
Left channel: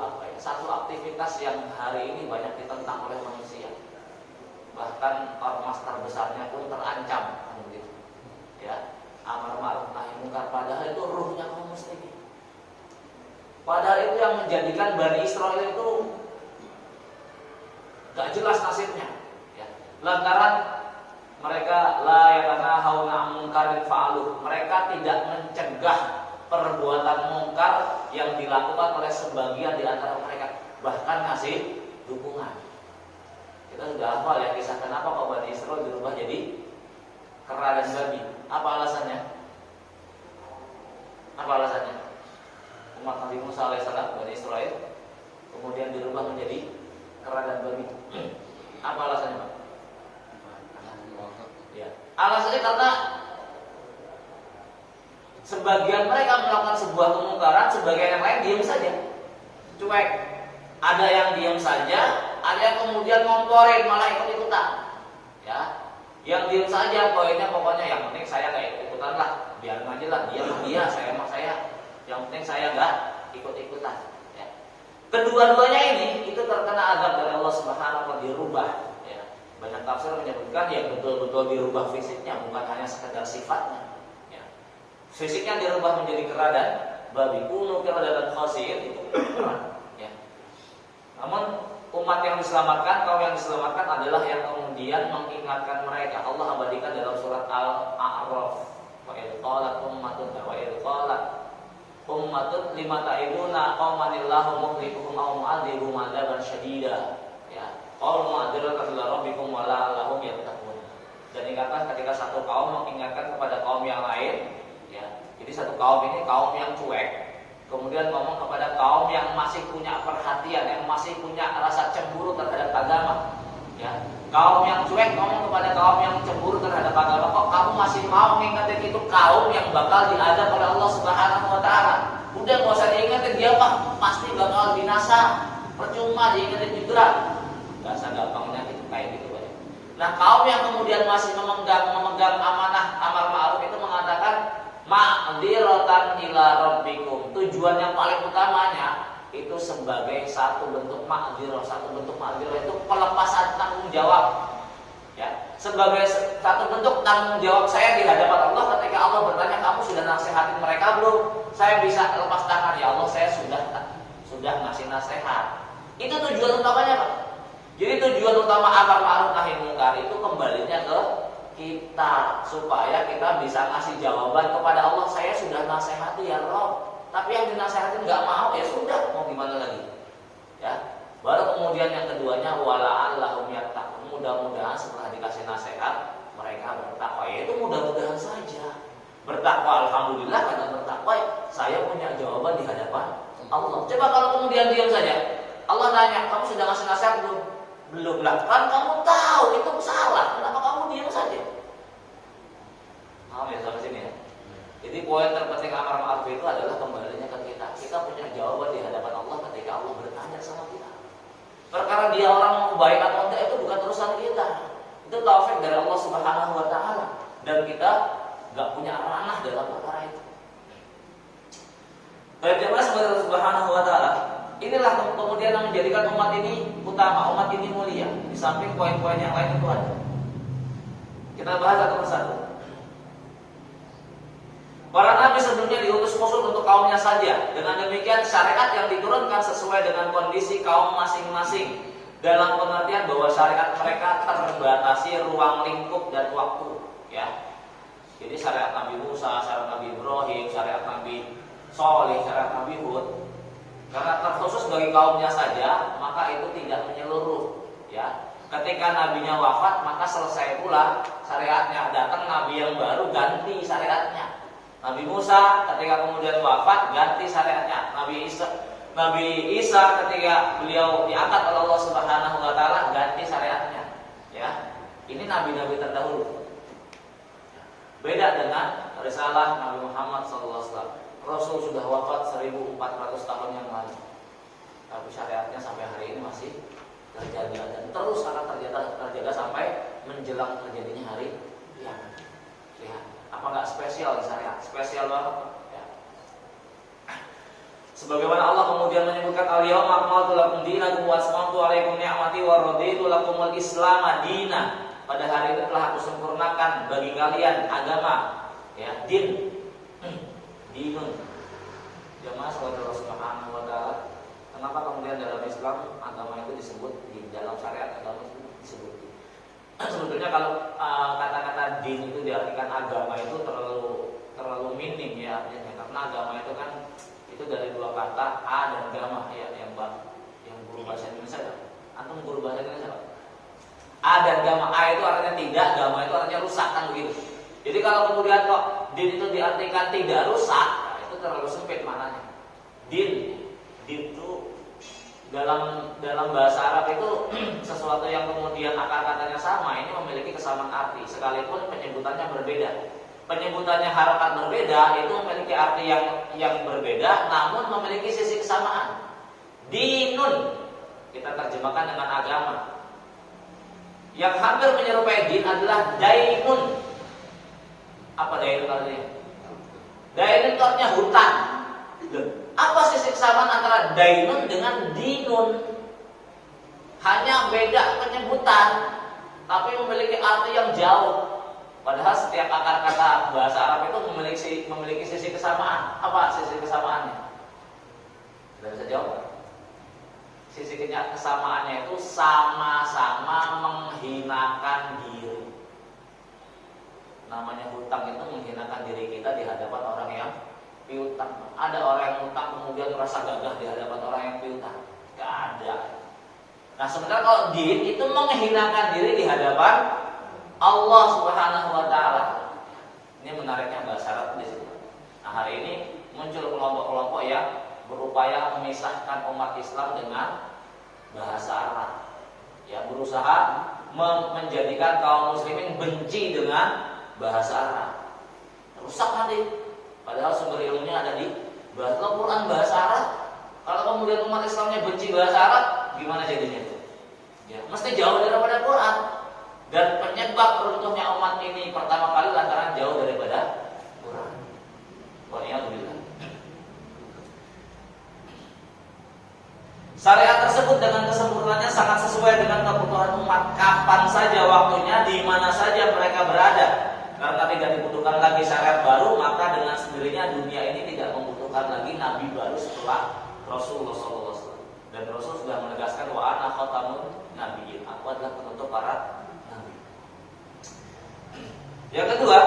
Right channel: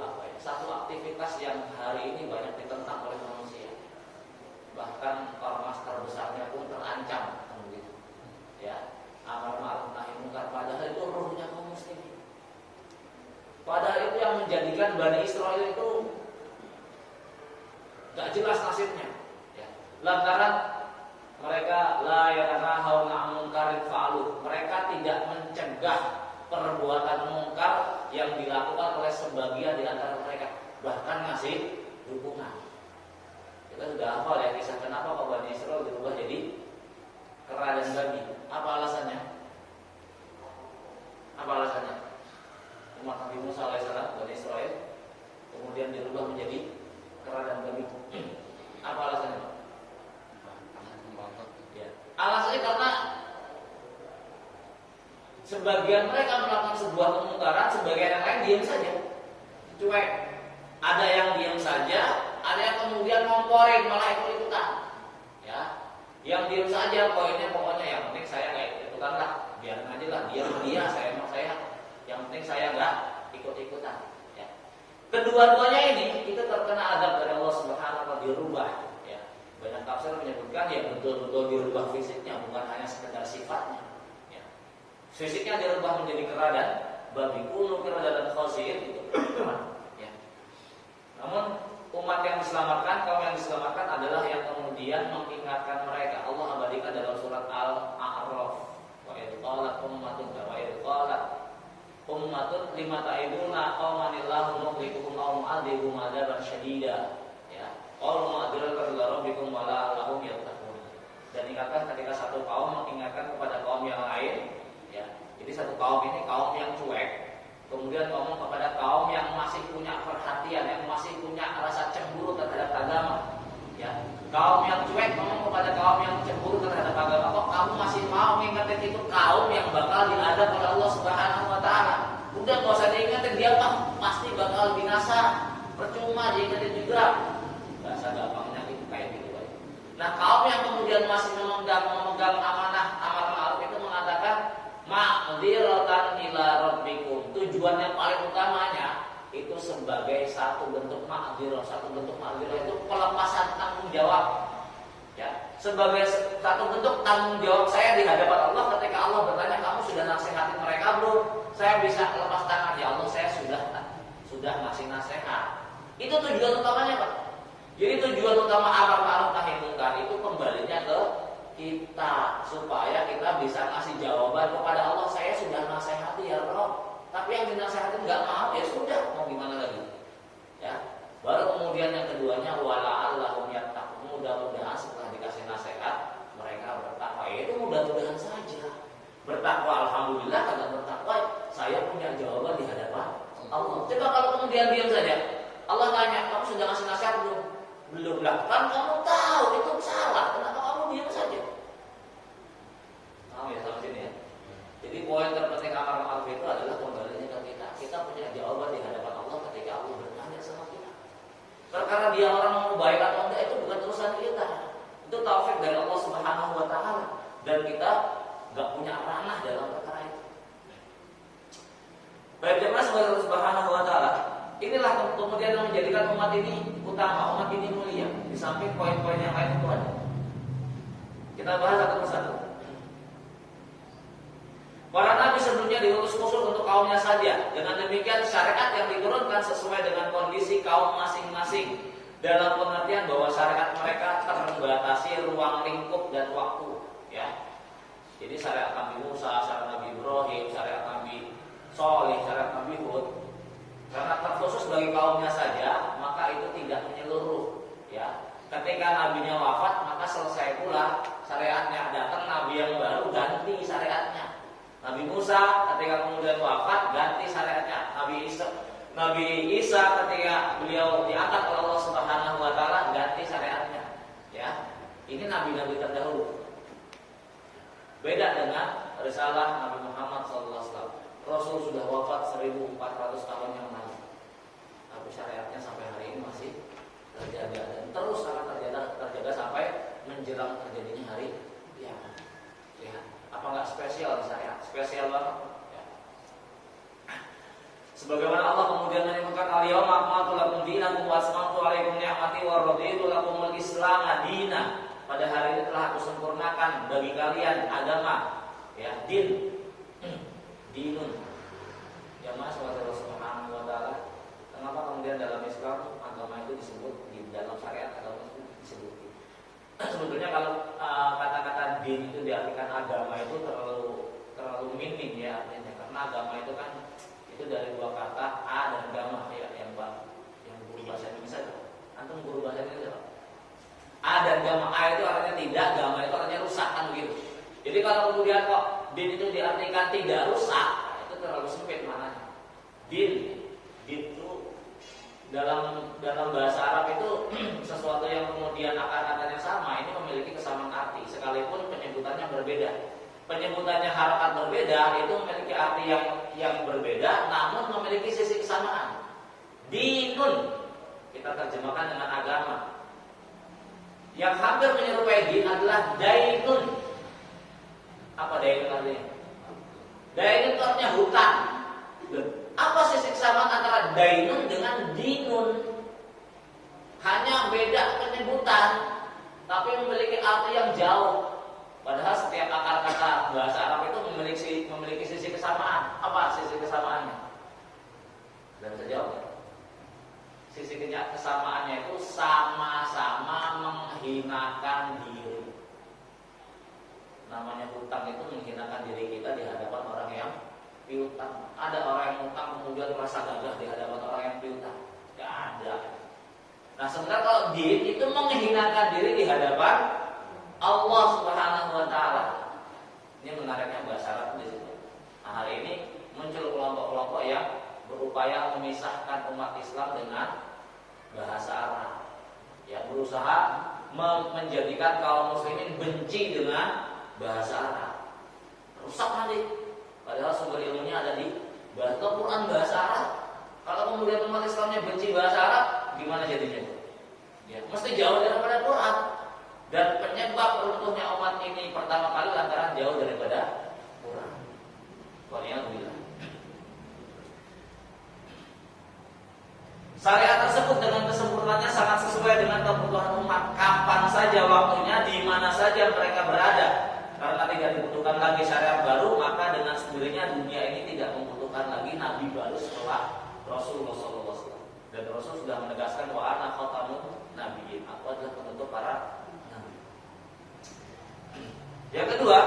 aktivitas yang hari ini banyak ditentang oleh manusia. Bahkan ormas terbesarnya pun terancam begitu. Ya, amar ma'ruf nahi munkar, padahal itu ruhnya kaum muslimin. Padahal itu yang menjadikan Bani Israil itu gak jelas nasibnya. Ya. Lantaran mereka la yatanahawna 'an munkarin fa'aluh. Mereka tidak mencegah perbuatan mungkar yang dilakukan oleh sebagian di antara mereka, bahkan ngasih dukungan. Kita sudah hafal ya kisah kenapa kok Bani Israil berubah jadi kera dan babi. Apa alasannya? Apa alasannya? Umat Nabi Musa alaihissalam, Bani Israil, kemudian dirubah menjadi kera dan babi. Apa alasannya, Pak? Ya. Alasannya karena sebagian mereka melakukan sebuah kemungkaran, sebagian yang lain diam saja, cuek. Ada yang diam saja, ada yang kemudian ngomporin, malah ikut-ikutan. Ya, yang diam saja, pokoknya yang penting saya gak ikut-ikutan lah, biarin aja lah, dia, saya mau saya. Yang penting saya gak ikut-ikutan. Ya. Kedua-duanya ini itu terkena azab dari Allah Subhanahu wa taala, dirubah. Ya. Banyak tafsir menyebutkan ya betul-betul dirubah fisiknya, bukan hanya sekedar sifatnya. Fisiknya dirubah menjadi kera dan babi, kunu qiradatan khasi'in itu. Ya. Namun umat yang diselamatkan, kaum yang diselamatkan adalah yang kemudian mengingatkan mereka. Allah abadikan dalam surat Al-A'raf. Wa idh qalat ummatun lima ta'ibuna qaumanillahu muhlikuhum aw mu'adzibuhum 'adzaban syadida. Ya. Qalu ma'dziratan ila rabbikum wa la'allahum yattaqun. Dan ingatkan ketika satu kaum mengingatkan kepada kaum yang lain. Ya, jadi satu kaum ini kaum yang cuek, kemudian ngomong kepada kaum yang masih punya perhatian, yang masih punya rasa cemburu terhadap agama. Ya, kaum yang cuek ngomong kepada kaum yang cemburu terhadap agama, kok kamu masih mau mengingatkan itu kaum yang bakal diadab oleh Allah Subhanahu wa taala? Udah nggak usah diingetin, dia pasti bakal binasa, percuma diingetin juga. Dasar gampangnya gitu kayak gitu. Nah, kaum yang kemudian masih memegang amanah amar ma'ruf itu mengatakan ma'dziratan ila rabbikum. Tujuan yang paling utamanya itu sebagai satu bentuk ma'dzirah, itu pelepasan tanggung jawab. Ya, sebagai satu bentuk tanggung jawab saya di hadapan Allah ketika Allah bertanya, kamu sudah nasihatin mereka belum? Saya bisa lepas tangan, ya Allah, saya sudah ngasih nasihat. Itu tujuan utamanya, Pak. Jadi tujuan utama amar ma'ruf nahi munkar itu kembalinya ke kita, supaya kita bisa ngasih jawaban kepada Allah. Saya sudah nasihati ya Rob, tapi yang dinasehatin nggak mau, ya sudah, mau gimana lagi? Ya, baru kemudian yang keduanya wala'allahum yattaqun. Mudah-mudahan setelah dikasih nasihat mereka bertakwa. Ya itu mudah-mudahan saja. Bertakwa, alhamdulillah, karena bertakwa saya punya jawaban di hadapan Allah. Coba kalau kemudian diam saja, Allah nanya, kamu sudah ngasih nasihat belum? Belum lah, kan kamu tahu itu salah, kenapa kamu diam saja? Paham ya sampai sini ya? Jadi poin terpenting amar ma'ruf itu adalah kembalinya ke kita. Kita punya jawaban di hadapan Allah ketika Allah bertanya sama kita. Perkara dia orang mau baik atau enggak itu bukan urusan kita. Itu taufik dari Allah Subhanahu wa taala, dan kita enggak punya ranah dalam perkara itu. Baik jemaah sekalian subhanahu wa ta'ala, inilah kemudian yang menjadikan umat ini utama, umat ini mulia. Di samping poin-poin yang lain itu ada. Kita bahas satu persatu. Para nabi sebelumnya diutus khusus untuk kaumnya saja. Dengan demikian syariat yang diturunkan sesuai dengan kondisi kaum masing-masing, dalam pengertian bahwa syariat mereka terbatasi ruang lingkup dan waktu, ya. Jadi syariat Nabi Musa, syariat Nabi Ibrahim, syariat Nabi Shalih, syariat Nabi Hud, karena terkhusus bagi kaumnya saja, maka itu tidak menyeluruh, ya. Ketika nabinya wafat, maka selesai pula syariatnya. Datang nabi yang baru, ganti syariatnya. Nabi Musa ketika kemudian wafat, ganti syariatnya. Nabi Isa ketika beliau diangkat oleh Allah Subhanahu wa taala, ganti syariatnya, ya. Ini nabi-nabi terdahulu. Beda dengan risalah Nabi Muhammad SAW. Rasul sudah wafat 1400 tahun yang lalu, tapi syariatnya sampai hari ini masih terjaga dan terus akan terjaga sampai menjelang terjadinya hari kiamat. Lihat, apa nggak spesial di syariat? Spesial banget, ya. Sebagaimana Allah kemudian menyebutkan al-yawma akmaltu lakum dinakum wa atmamtu 'alaikum ni'mati wa raditu lakumul Islam madina. Pada hari ini telah aku sempurnakan bagi kalian agama, ya, dinun. Jamaah sahabat Allah Subhanahu wa taala, kenapa kemudian dalam Islam agama itu disebut, di dalam syariat agama itu disebut? Sebetulnya kalau kata-kata din itu diartikan agama itu terlalu minim, ya, artinya, karena agama itu kan itu dari dua kata a dan gama, ya, yang guru bahasa Indonesia. Antum guru bahasa Indonesia? A dan gama. A itu artinya tidak, gama itu artinya rusak, kan begitu. Jadi kalau kemudian kok din itu diartikan tidak rusak, nah, itu terlalu sempit maknanya. Din itu dalam bahasa Arab itu sesuatu yang kemudian akar katanya sama, ini memiliki kesamaan arti sekalipun penyebutannya berbeda. Penyebutannya harakat berbeda, itu memiliki arti yang berbeda, namun memiliki sisi kesamaan. Dinun kita terjemahkan dengan agama. Yang hampir menyerupai din adalah dainun. Apa dainun artinya? Dainun itu artinya hutang. Apa sisi kesamaan antara dainun dengan dinun? Hanya beda penyebutan, tapi memiliki arti yang jauh. Padahal setiap akar kata bahasa Arab itu memiliki sisi kesamaan. Apa sisi kesamaannya? Tidak bisa jawab. Sisi kesamaannya itu sama-sama menghinakan diri. Namanya hutang itu menghinakan diri kita di hadapan orang yang piutang. Ada orang yang hutang kemudian merasa gagah di hadapan orang yang piutang. Gak ada. Nah sebenarnya kalau din itu menghinakan diri di hadapan Allah Subhanahu wa taala. Ini menariknya bahasa Arab di situ. Nah hari ini muncul kelompok-kelompok yang berupaya memisahkan umat Islam dengan bahasa Arab, ya, berusaha menjadikan kaum muslimin benci dengan bahasa Arab. Rusak nanti. Padahal sumber ilmunya ada di bahasa Al-Quran bahasa Arab. Kalau kemudian umat Islamnya benci bahasa Arab, gimana jadinya itu? Ya, mesti jauh daripada Quran. Dan penyebab runtuhnya umat ini pertama kali lantaran jauh daripada Quran. Waliyahulillah. Syariat tersebut dengan kesempurnaannya sangat sesuai dengan kebutuhan umat. Kapan saja waktunya, di mana saja mereka berada. Karena tidak dibutuhkan lagi syariat baru, maka dengan sendirinya dunia ini tidak membutuhkan lagi nabi baru setelah Rasulullah SAW. Dan Rasul sudah menegaskan wa ana khatamun nabiyyin. Aku adalah penutup para nabi. Yang kedua,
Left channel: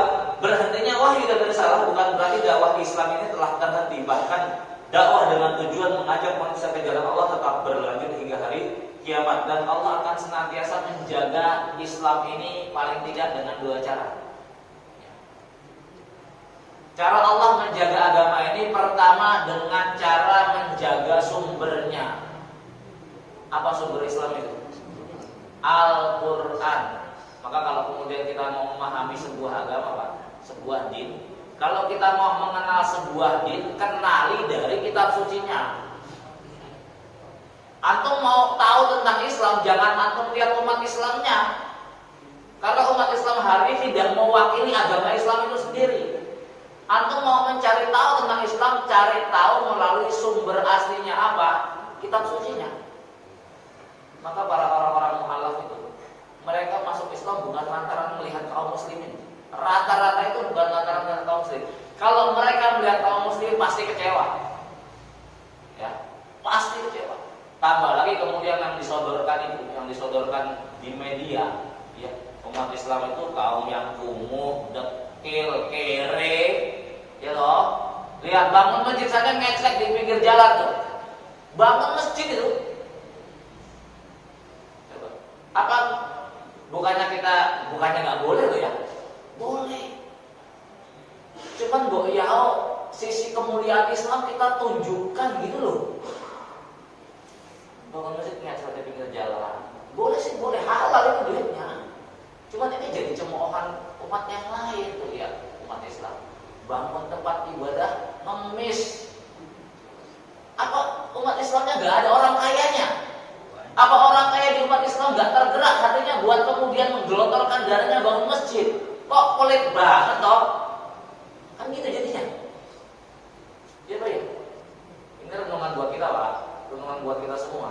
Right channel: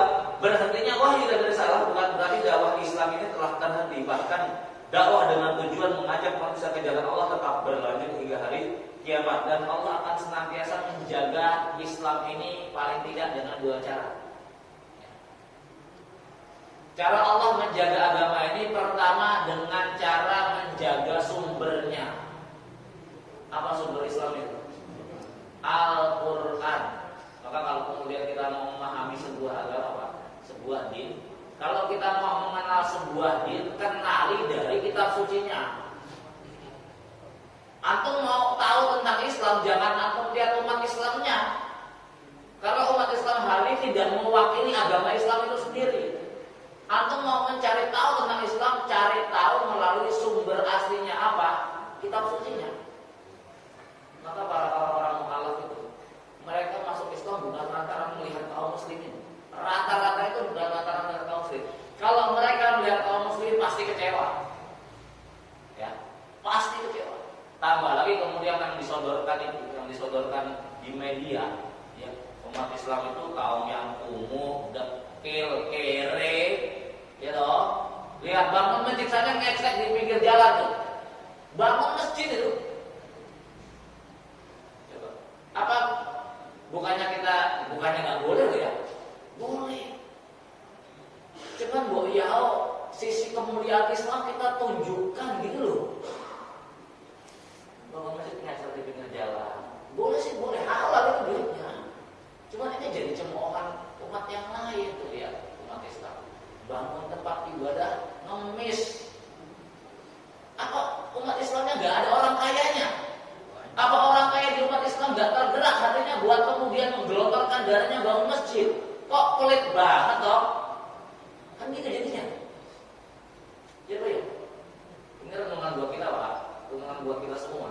berhentinya wahyu dan risalah bukan berarti dakwah Islam ini telah terhenti. Bahkan dakwah dengan tujuan mengajak manusia ke jalan Allah tetap berlanjut hingga hari kiamat. Dan Allah akan senantiasa menjaga Islam ini paling tidak dengan dua cara. Cara Allah menjaga agama ini pertama dengan cara menjaga sumbernya. Apa sumber Islam itu? Al-Quran. Maka kalau kemudian kita mau memahami sebuah agama, Pak, sebuah din, kalau kita mau mengenal sebuah din, kenali dari kitab sucinya. Antum mau tahu tentang Islam, jangan antum lihat umat Islamnya. Karena umat Islam hari ini tidak mewakili agama Islam itu sendiri. Antum mau mencari tahu tentang Islam, cari tahu melalui sumber aslinya apa, kitab sucinya. Maka para orang-orang mu'alaf itu, mereka masuk Islam bukan lantaran melihat kaum muslimin. Rata-rata itu bukan lantaran melihat kaum muslim. Kalau mereka melihat kaum muslim pasti kecewa, ya, pasti kecewa. Tambah lagi kemudian yang disodorkan itu, yang disodorkan di media, ya, umat Islam itu kaum yang kumuh, dekil, kere, ya loh. Lihat bangun masjid saja ngecek di pinggir jalan tuh, bangun masjid itu. Coba, apa? Bukannya nggak boleh loh ya? Boleh. Cuman sisi kemuliaan Islam kita tunjukkan gitu loh. Bangun masjid ngecek di pinggir jalan, boleh sih, boleh, halal itu duitnya. Cuman ini jadi cemoohan umat yang lain tuh, lihat umat Islam bangun tempat ibadah ngemis. Apa umat Islamnya nggak ada orang kayanya? Apa orang kaya di umat Islam nggak tergerak hatinya buat kemudian menggelontorkan darahnya bangun masjid? Kok pelit banget toh? Kan gitu jadinya. Ya Pak ya. Ini renungan buat kita Pak, renungan buat kita semua.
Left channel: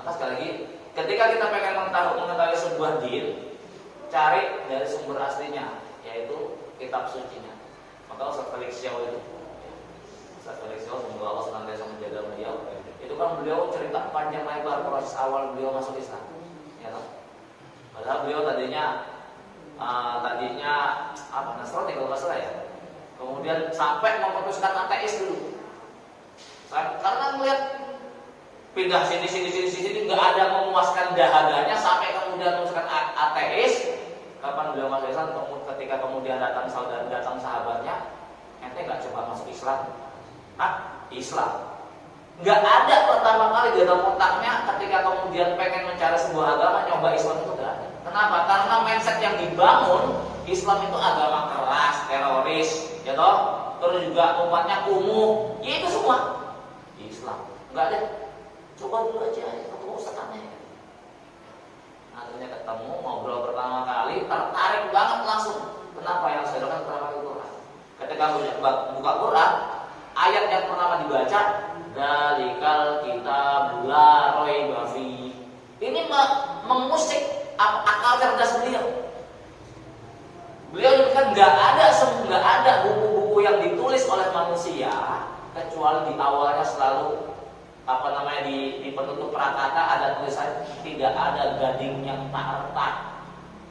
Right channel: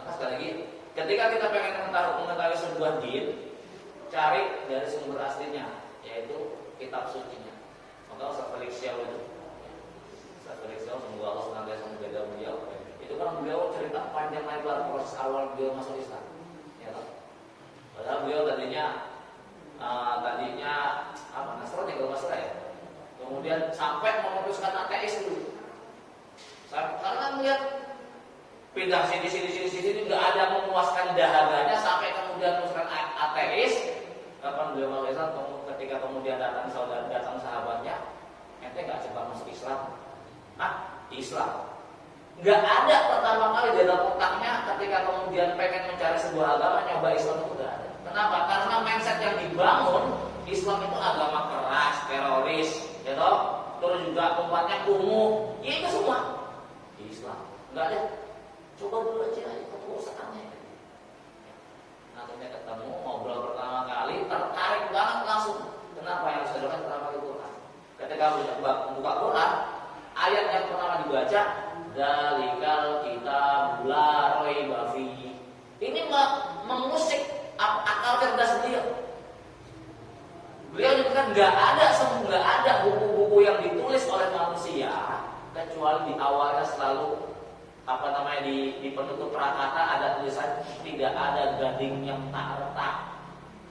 Maka sekali lagi, ketika kita pengen mengetahui sebuah din, cari dari sumber aslinya, yaitu kitab sucinya. Maka Ustaz Felix Xiao itu, Ustaz Felix Xiao, semoga Allah senantiasa menjaga beliau. Itu kan beliau cerita panjang lebar proses awal beliau masuk Islam. Ya toh? Padahal beliau tadinya Nasrani kalau nggak salah ya. Kemudian sampai memutuskan ateis dulu. Karena melihat pindah sini nggak ada memuaskan dahaganya, sampai kemudian memutuskan ateis. Kapan beliau masuk Islam? Ketika kemudian datang sahabatnya, ente nggak coba masuk Islam? Islam. Nggak ada pertama kali di dalam otaknya ketika kemudian pengen mencari sebuah agama, nyoba Islam itu nggak ada. Kenapa? Karena mindset yang dibangun Islam itu agama keras, teroris, ya toh? Terus juga umatnya kumuh, ya itu semua Islam. Nggak ada. Coba dulu aja ketemu ustadznya. Akhirnya ketemu, ngobrol pertama kali, tertarik banget langsung. Kenapa? Yang saya lakukan pertama kali Quran. Ketika buka Quran, ayat yang pertama dibaca, Dzalikal kitab la raiba fi. Ini mengusik akal cerdas beliau. Beliau kan nggak ada buku-buku yang ditulis oleh manusia kecuali di awalnya selalu di penutup prakata ada tulisan tidak ada gading yang tak retak.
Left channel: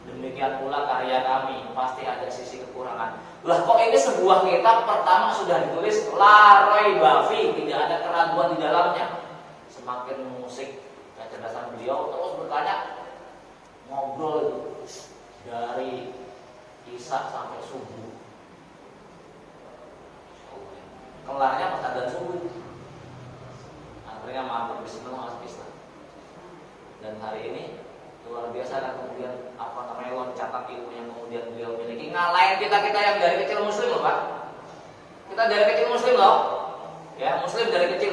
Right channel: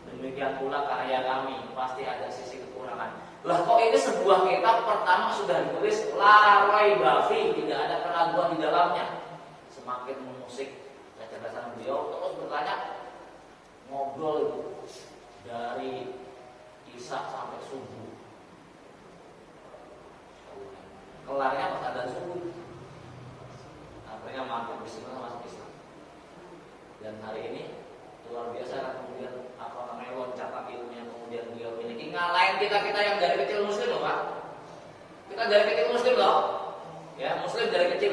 Demikian pula karya kami pasti ada sisi kekurangan. Lah kok ini sebuah kitab pertama sudah ditulis la raiba fi, tidak ada keraguan di dalamnya. Semakin mengusik kecerdasan beliau, terus bertanya, ngobrol itu dari Isya sampai subuh. Kelarnya pas adzan subuh. Akhirnya mampir bismillah masuk Islam. Dan hari ini luar biasa kan kemudian loncatan ilmu yang kemudian beliau miliki, ngalahin kita yang dari kecil muslim loh Pak. Kita dari kecil muslim loh, ya muslim dari kecil.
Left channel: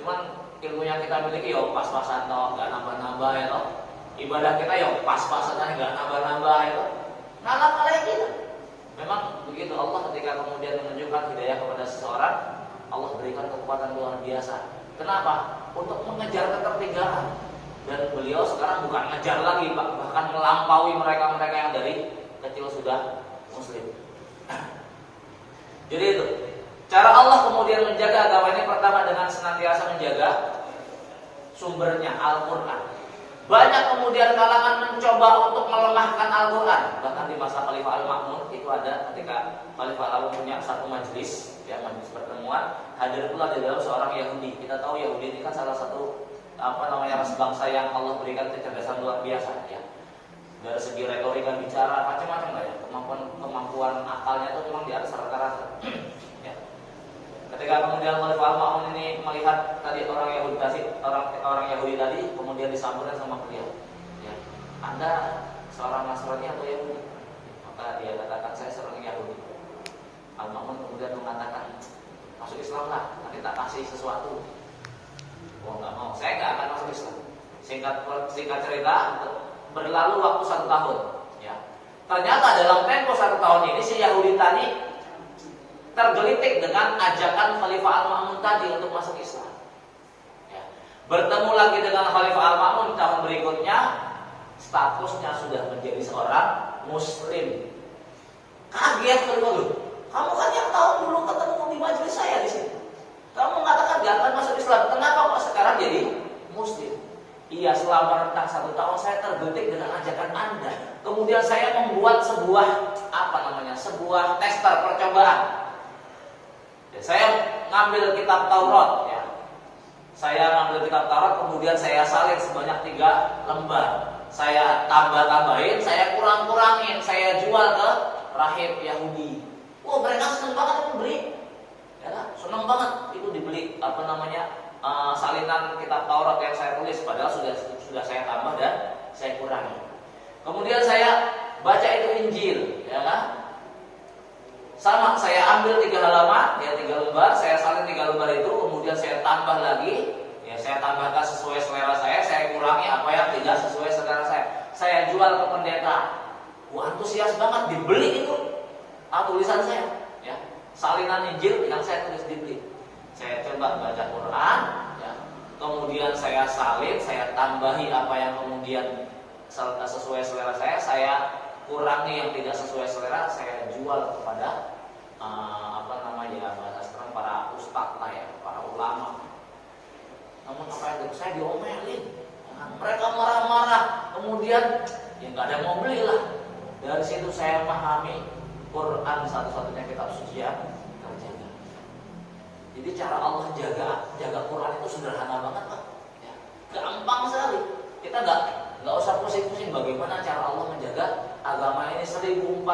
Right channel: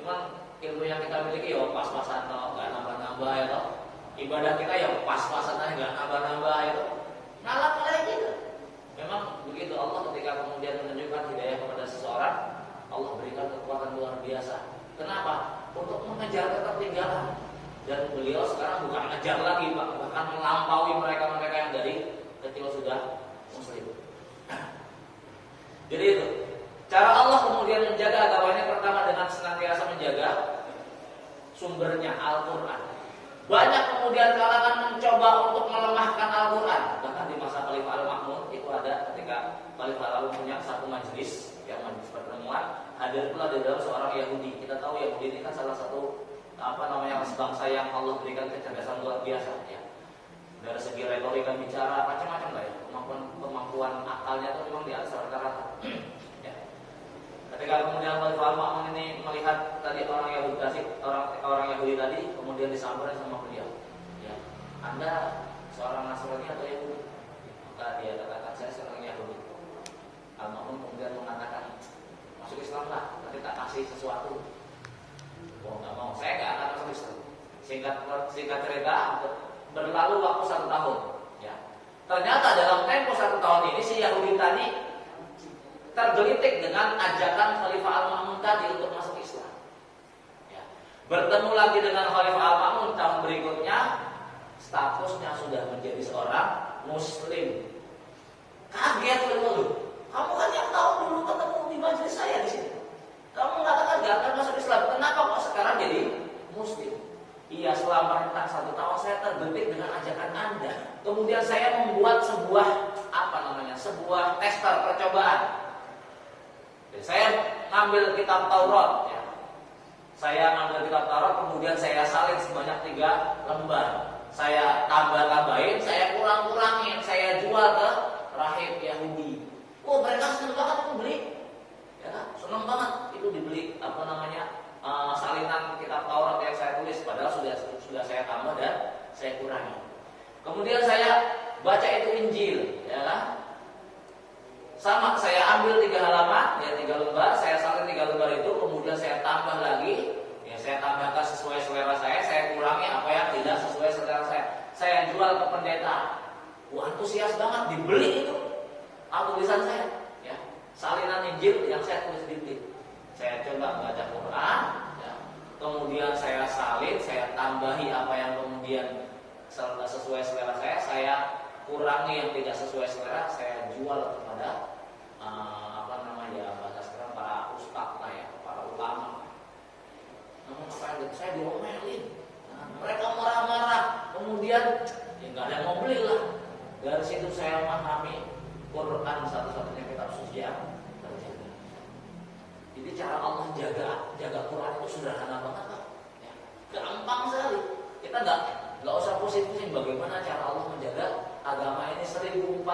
Cuman ilmu yang kita miliki yo pas-pasan toh, nggak nambah-nambah ya toh. Ibadah kita yo pas-pasan aja, nggak nambah-nambah ya toh. Ngalah-ngalahin kita. Memang begitu Allah ketika kemudian menunjukkan hidayah kepada seseorang, Allah berikan kekuatan luar biasa. Kenapa? Untuk mengejar ketertinggalan. Dan beliau sekarang bukan ngejar lagi Pak, bahkan melampaui mereka-mereka yang dari kecil sudah muslim. Jadi itu cara Allah kemudian menjaga agama ini, pertama dengan senantiasa menjaga sumbernya Al-Quran. Banyak kemudian kalangan mencoba untuk melemahkan Al-Quran. Bahkan di masa Khalifah Al-Ma'mun itu ada ketika Khalifah Al-Ma'mun punya satu majelis, ya majelis pertemuan, hadir pula di dalam seorang Yahudi. Kita tahu Yahudi ini kan salah satu bangsa yang Allah berikan kecerdasan luar biasa ya. Dari segi retorika bicara macam-macam lah ya. Kemampuan akalnya itu memang di atas rata-rata. Ya. Ketika kemudian Khalifah Al-Ma'mun ini melihat tadi orang Yahudi tadi, kemudian disamperin sama beliau. Ya. Anda seorang Nasrani atau Yahudi? Maka dia katakan saya seorang Yahudi. Al-Ma'mun kemudian mengatakan masuk Islam lah, nanti tak kasih sesuatu. Oh nggak mau, saya nggak akan masuk Islam. Singkat cerita, berlalu waktu 1 tahun. Ya. Ternyata dalam tempo 1 tahun ini si Yahudi tadi tergelitik dengan ajakan Khalifah Al-Ma'mun tadi untuk masuk Islam. Ya. Bertemu lagi dengan Khalifah Al-Ma'mun di tahun berikutnya, statusnya sudah menjadi seorang Muslim. Kaget Khalifah itu. Kamu kan yang tahun dulu ketemu di majelis saya di sini. Kamu mengatakan gak akan masuk Islam. Kenapa kok sekarang jadi Muslim? Iya, selama rentang 1 tahun saya tergelitik dengan ajakan Anda. Kemudian saya membuat sebuah sebuah tester percobaan. Ya, saya ngambil kitab Taurat. Ya. Saya ngambil kitab Taurat, kemudian saya salin sebanyak 3 lembar. Saya tambah-tambahin, saya kurang-kurangin, saya jual ke rahib Yahudi. Wah, mereka senang banget itu beli. Ya, senang banget itu dibeli salinan kitab Taurat yang saya tulis, padahal sudah saya tambah dan saya kurangi. Kemudian saya baca itu Injil, ya kan? Sama, saya ambil 3 halaman, ya 3 lembar, saya salin 3 lembar itu, kemudian saya tambah lagi, ya saya tambahkan sesuai selera saya kurangi apa yang tidak sesuai selera saya. Saya jual ke pendeta. Wah, antusias banget, dibeli itu tulisan saya, ya. Salinan Injil yang saya tulis dikit. Saya coba baca Quran, ya. Kemudian saya salin, saya tambahi apa yang kemudian sesuai selera saya kurangi yang tidak sesuai selera, saya jual kepada bahasa sekarang para ustadz lah ya, para ulama. Namun apa yang saya diomelin, ya. Mereka marah-marah, kemudian ya nggak ada yang mau beli lah. Dari situ saya memahami Quran satu-satunya kitab suci yang terjaga. Jadi cara Allah jaga Quran itu sederhana banget, Pak. Ya, gampang sekali. Kita nggak usah pusing-pusing bagaimana cara Allah menjaga agama ini 1400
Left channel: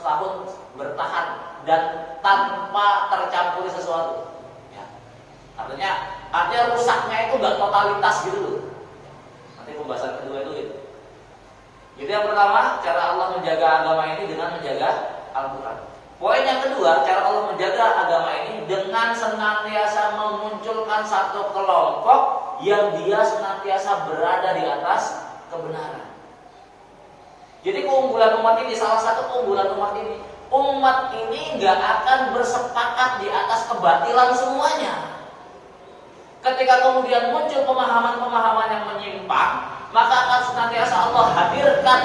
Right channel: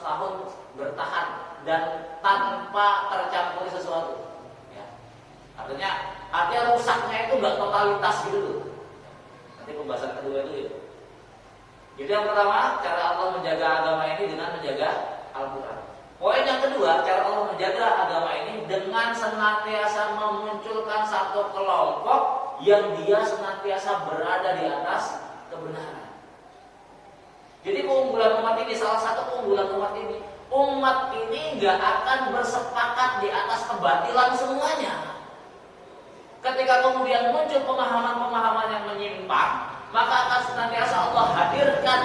tahun bertahan dan tanpa tercampuri sesuatu. Ya. Artinya rusaknya itu nggak totalitas gitu loh. Nanti pembahasan kedua itu gitu. Jadi yang pertama, cara Allah menjaga agama ini dengan menjaga Al-Quran. Poin yang kedua, cara Allah menjaga agama ini dengan senantiasa memunculkan satu kelompok yang dia senantiasa berada di atas kebenaran. Jadi keunggulan umat ini, salah satu keunggulan umat ini nggak akan bersepakat di atas kebatilan semuanya. Ketika kemudian muncul pemahaman-pemahaman yang menyimpang, maka akan senantiasa Allah hadirkan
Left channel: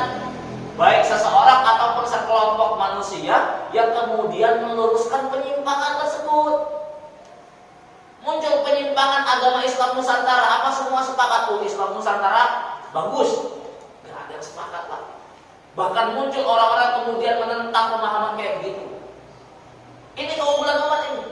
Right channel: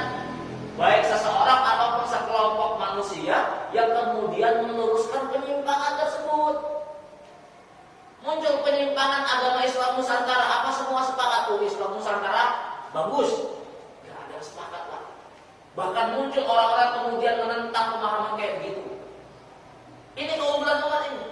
baik seseorang ataupun sekelompok manusia yang kemudian meluruskan penyimpangan tersebut. Muncul penyimpangan agama Islam Nusantara, apa semua sepakat? Islam Nusantara bagus. Gak ada yang sepakat lah. Bahkan muncul orang-orang kemudian menentang pemahaman kayak begitu. Ini keunggulan umat ini.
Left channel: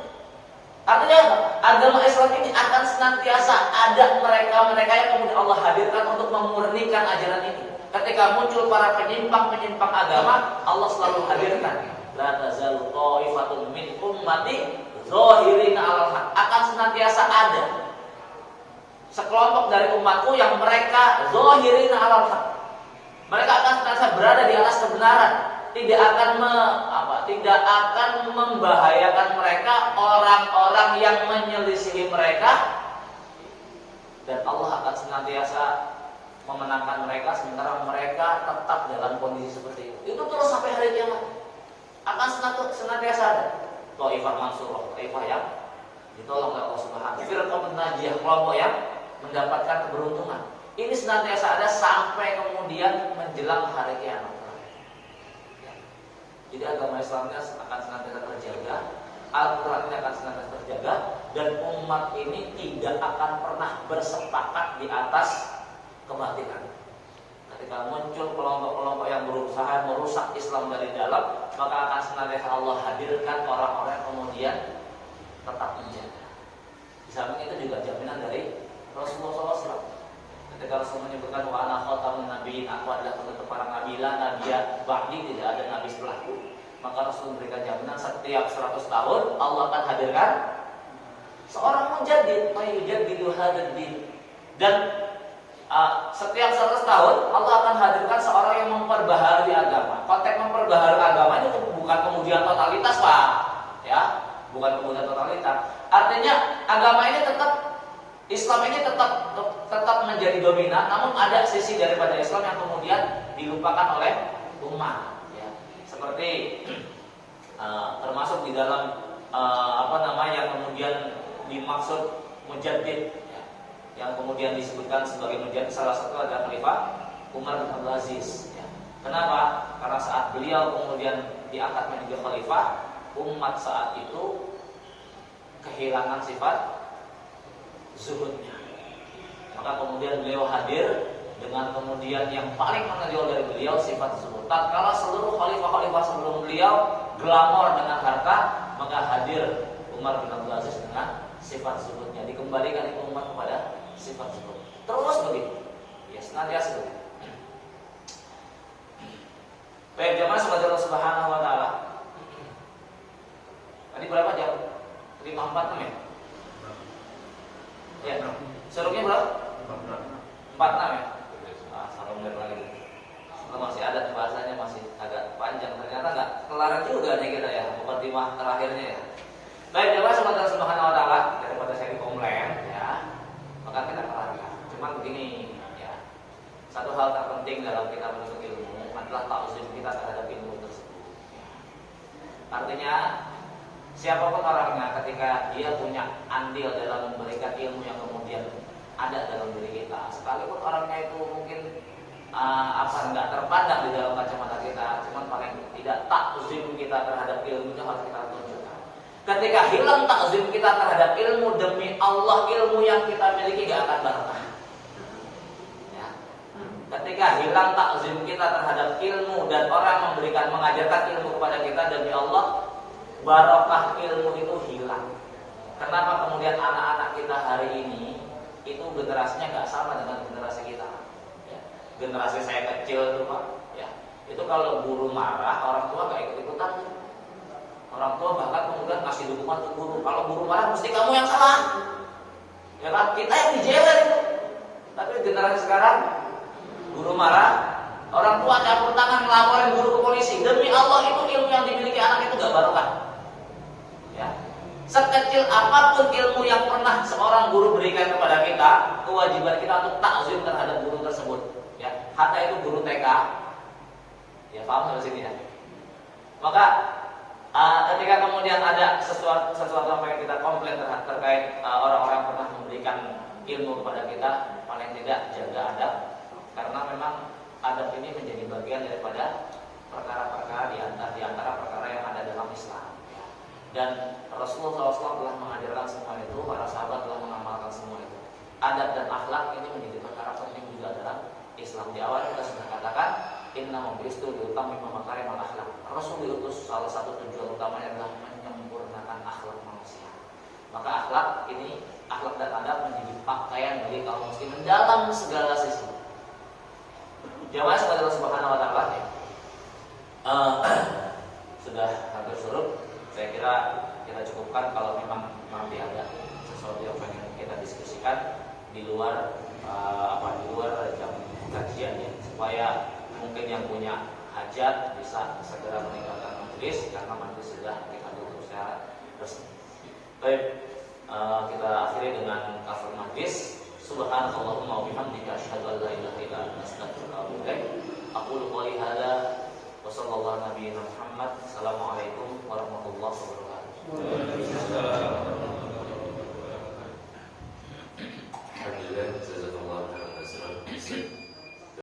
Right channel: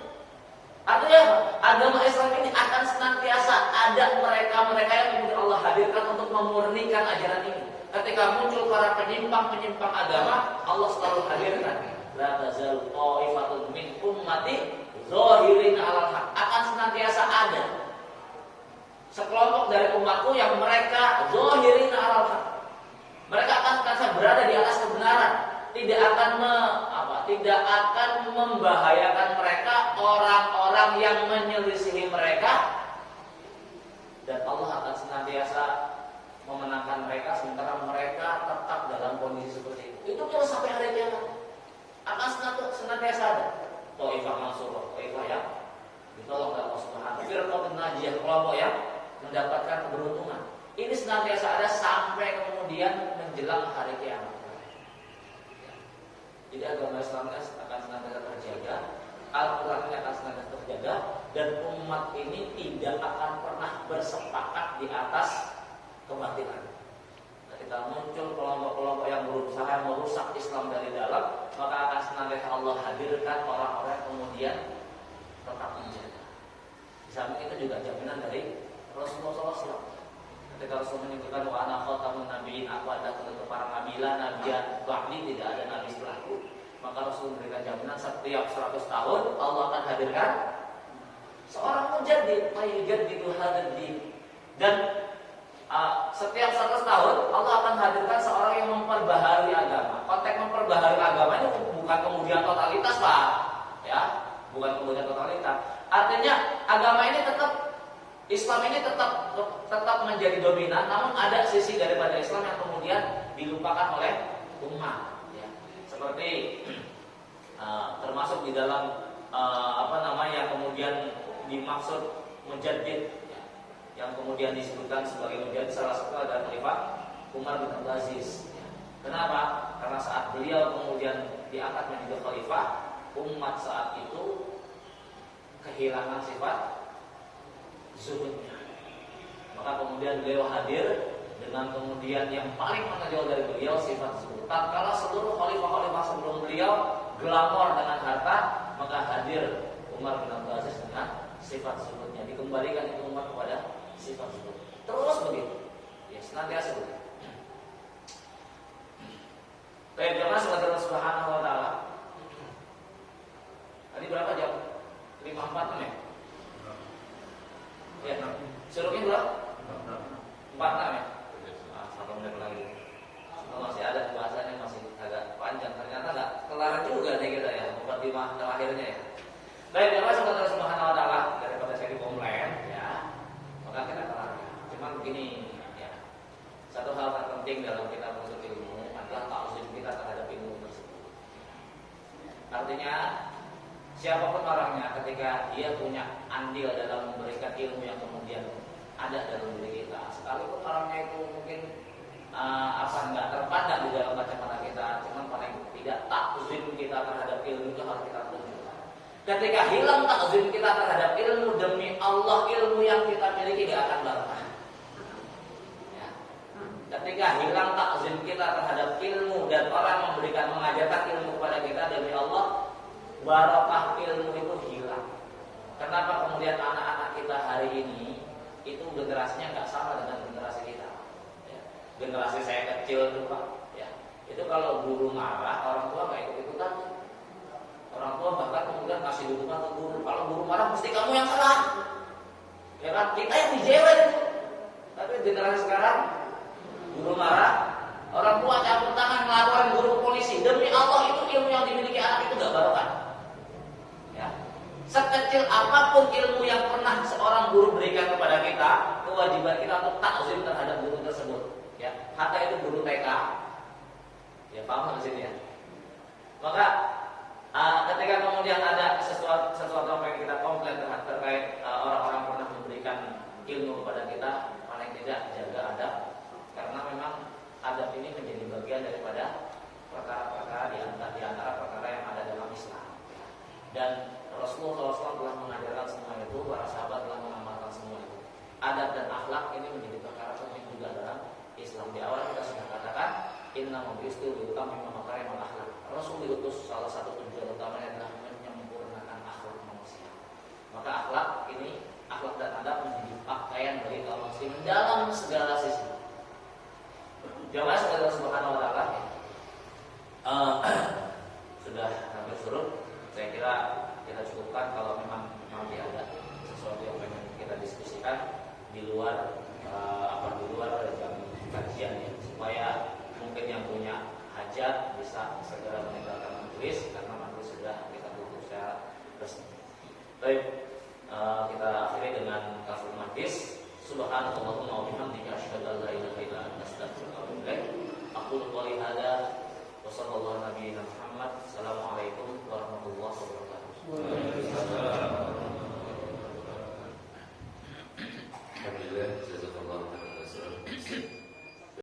Artinya apa? Agama Islam ini akan senantiasa ada mereka-mereka yang kemudian Allah hadirkan untuk memurnikan ajaran ini. Ketika muncul para penyimpang-penyimpang agama, Allah selalu hadirkan. La tazalu ta'ifatun min ummati zahirina 'alal haq. Akan senantiasa ada sekelompok dari umatku yang mereka zahirina 'alal haq. Mereka akan senantiasa berada di atas kebenaran, tidak akan membahayakan mereka orang-orang yang menyelisihi mereka, dan Allah akan senantiasa memenangkan mereka sementara mereka tetap dalam kondisi seperti itu. Itu terus sampai hari kiamat. Akan senantiasa ada Thaifah Mansurah, Thaifah yang ditolong oleh Allah Subhanahu wa taala, firqatun najiyah, kelompok yang mendapatkan keberuntungan. Ini senantiasa ada sampai kemudian menjelang hari kiamat. Jadi agama Islam akan senantiasa terjaga, Al-Quran ini akan senantiasa terjaga, dan umat ini tidak akan pernah bersepakat di atas kebatilan. Ketika muncul kelompok-kelompok yang berusaha merusak Islam dari dalam, maka akan senantiasa Allah hadirkan orang-orang yang kemudian tetap menjaga. Di samping itu juga jaminan dari Rasulullah SAW. Ketika Rasul menyebutkan wa ana khatamun nabiyyin, aku adalah penutup para nabi, la nabiyya ba'di, tidak ada nabi setelahku. Maka Rasul memberikan jaminan setiap 100 tahun Allah akan hadirkan seorang mujaddid, mayyujaddidu hadzal din. Dan setiap 100 tahun Allah akan hadirkan seorang yang memperbaharui agama. Konteks memperbaharui agama ini bukan kemudian totalitas, Pak. Ya, bukan kemudian totalitas. Artinya agama ini tetap, Islam ini tetap menjadi dominan, namun ada sisi daripada Islam yang kemudian dilupakan oleh umat. Ya. seperti termasuk di dalam yang kemudian dimaksud mujaddid, ya, yang kemudian disebutkan sebagai mujaddid salah satu adalah Khalifah Umar bin Abdul Aziz. Ya. Kenapa? Karena saat beliau kemudian diangkat menjadi khalifah, umat saat itu kehilangan sifat zuhudnya. Maka kemudian beliau hadir dengan kemudian yang paling menonjol dari beliau sifat zuhud. Tatkala seluruh khalifah-khalifah sebelum beliau glamor dengan harta, maka hadir Umar bin Abdul Aziz dengan sifat zuhudnya. Dikembalikan itu umat kepada sifat zuhud. Terus begitu. Ya, senantiasa begitu. Baik, jamaah sebagai Allah Subhanahu wa taala. Tadi berapa jam? 546 ya? Ya, suruknya berapa? 46 ya? Sampai mulai lagi. Masih ada bahasanya, masih agak panjang. Ternyata nggak kelar juga nih kita ya, mukadimah terakhirnya ya. Baik, jamaah sebagai Allah Subhanahu wa taala, daripada saya dikomplain ya, maka kita kelar ya. Cuman begini ya. Satu hal terpenting dalam kita menuntut ilmu adalah ta'zim kita terhadap ilmu tersebut. Artinya siapapun orangnya ketika dia punya andil dalam memberikan ilmu yang kemudian ada dalam diri kita, sekalipun orangnya itu mungkin nggak terpandang di dalam kacamata kita, cuman paling tidak ta'zim kita terhadap ilmu itu harus kita tunjukkan. Ketika hilang ta'zim kita terhadap ilmu, demi Allah ilmu yang kita miliki gak akan barokah. Ketika hilang takzim kita terhadap ilmu dan orang mengajarkan ilmu kepada kita, demi Allah barokah ilmu itu hilang. Kenapa kemudian anak-anak kita hari ini itu generasinya nggak sama dengan generasi kita? Ya. Generasi saya kecil itu Pak, ya, itu kalau guru marah orang tua nggak ikut-ikutan. Orang tua bahkan kemudian kasih dukungan untuk guru. Kalau guru marah mesti kamu yang salah, ya kan? Kita yang dijewer. Tapi generasi sekarang guru marah, orang tua campur tangan melaporin guru ke polisi. Demi Allah itu ilmu yang dimiliki anak itu gak barokah. Ya. Sekecil apapun ilmu yang pernah seorang guru berikan kepada kita, kewajiban kita untuk takzim terhadap guru tersebut. Ya. Hatta itu guru TK. Ya, paham sampai sini ya. Maka ketika kemudian ada sesuatu yang kita komplain terkait orang-orang yang pernah memberikan ilmu kepada kita, paling tidak jaga adab. Karena memang adab ini menjadi bagian daripada perkara-perkara di antara perkara yang ada dalam Islam. Dan Rasulullah SAW telah mengajarkan semua itu, para sahabat telah mengamalkan semua itu. Adab dan akhlak ini menjadi perkara penting juga dalam Islam. Di awal kita sudah katakan, inna mabistu liutammima makarimal akhlak. Rasul diutus salah satu tujuan utamanya adalah menyempurnakan akhlak manusia. Maka akhlak ini, akhlak dan adab menjadi pakaian bagi kaum muslimin dalam segala sisi. Jamaah sebagai Allah Subhanahu wa taala ya. Sudah hampir surut. Saya kira kita cukupkan. Kalau memang nanti ada sesuatu yang pengen kita diskusikan di luar di luar jam kajian ya, supaya mungkin yang punya hajat bisa segera meninggalkan majelis karena majelis sudah kita tutup secara resmi. Baik, kita akhiri dengan kafir majlis. Subhanallahumma wa bihamdika asyhadu an la ilaha illa anta astaghfiruka wa atubu ilaik. Aqulu qouli hadza wa sallallahu nabiyina Muhammad. Assalamualaikum warahmatullahi wabarakatuh. Waalaikumsalam. Alhamdulillah, jazakallahu khairan.